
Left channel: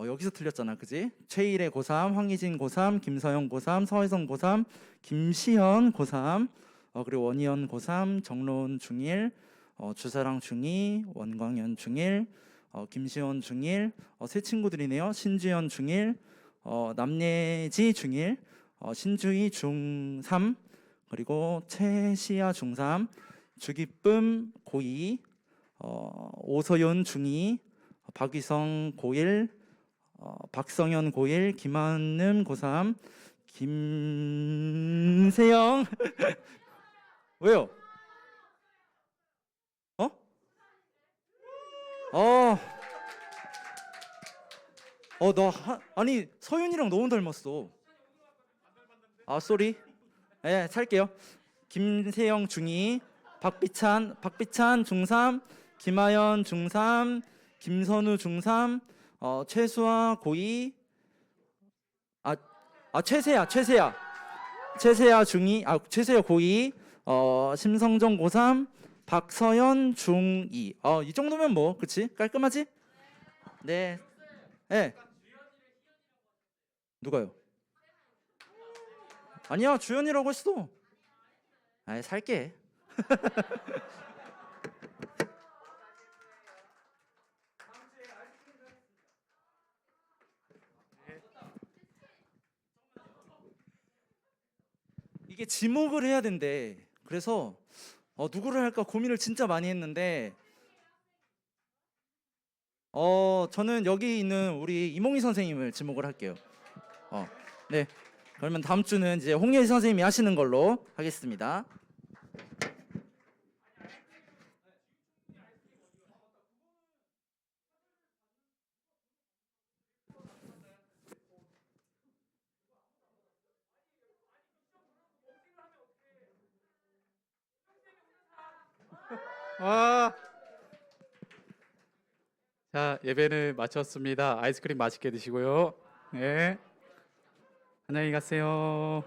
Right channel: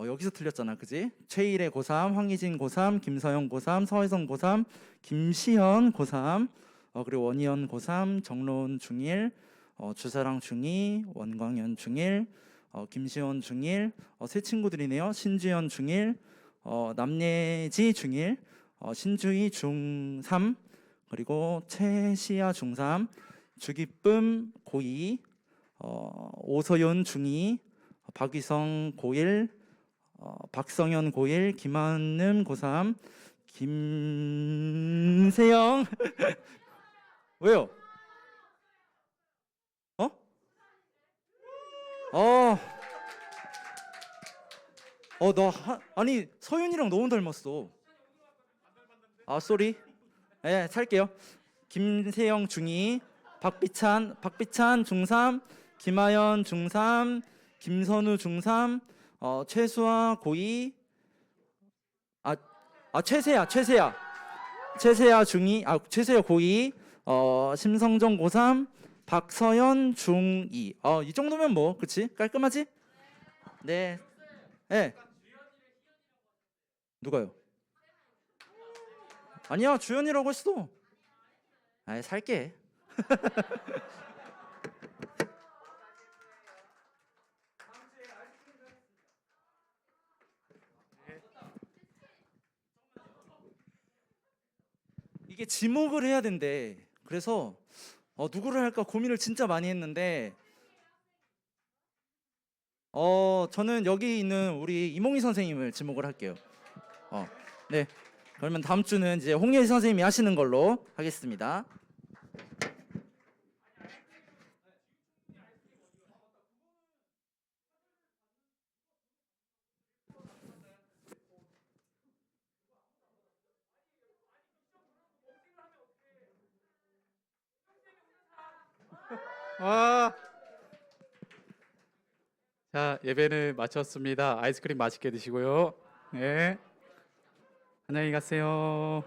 여기서 틀렸잖아, 그지? 최일의 고3, 황희진 고3, 김서영 고3, 서혜성 고3, 김시현 고3, 그리고 원희연 고3, 정로운 중1, 주사랑 중2, 원광현 중1, 김시원 중1, 세 친구들이네요. 신주연 중1, 남예지 중1, 신주희 중3, 그리고 최시아 중3, 주기쁨 고2, 오서윤 중2, 박위성 고1, 박성현 고1, 김한음 고3, 김세영 왜요? 어, 아니 서윤이랑 너무 닮았어. 아, 쏘리. 네, 살게요. 김세영 중2, 박비찬 중3, 김하연 중3, 김선우 중3, 최수아 고2, 최세야 중2, 최세야 고2, 심성정 고3, 박서연 중2. 이 정도면 뭐, 그치? 깔끔하지? 네. 네. 누가요? 아니야, 주연이라고 했어. 아이, 살게. 이게 지목을 해야 된대. 그래서 누구를 할까 고민을 진짜 많이 했는데 저는 여기 있는 우리 이몽희 선생님을 지목을 할게요. 네. 그러면 다음 주는 이제 홍예희 선생님이 하시는 걸로 하겠습니다. 와. 자, 예배를 마쳤습니다. 아이스크림 맛있게 드시고요. 네. 안녕히 가세요.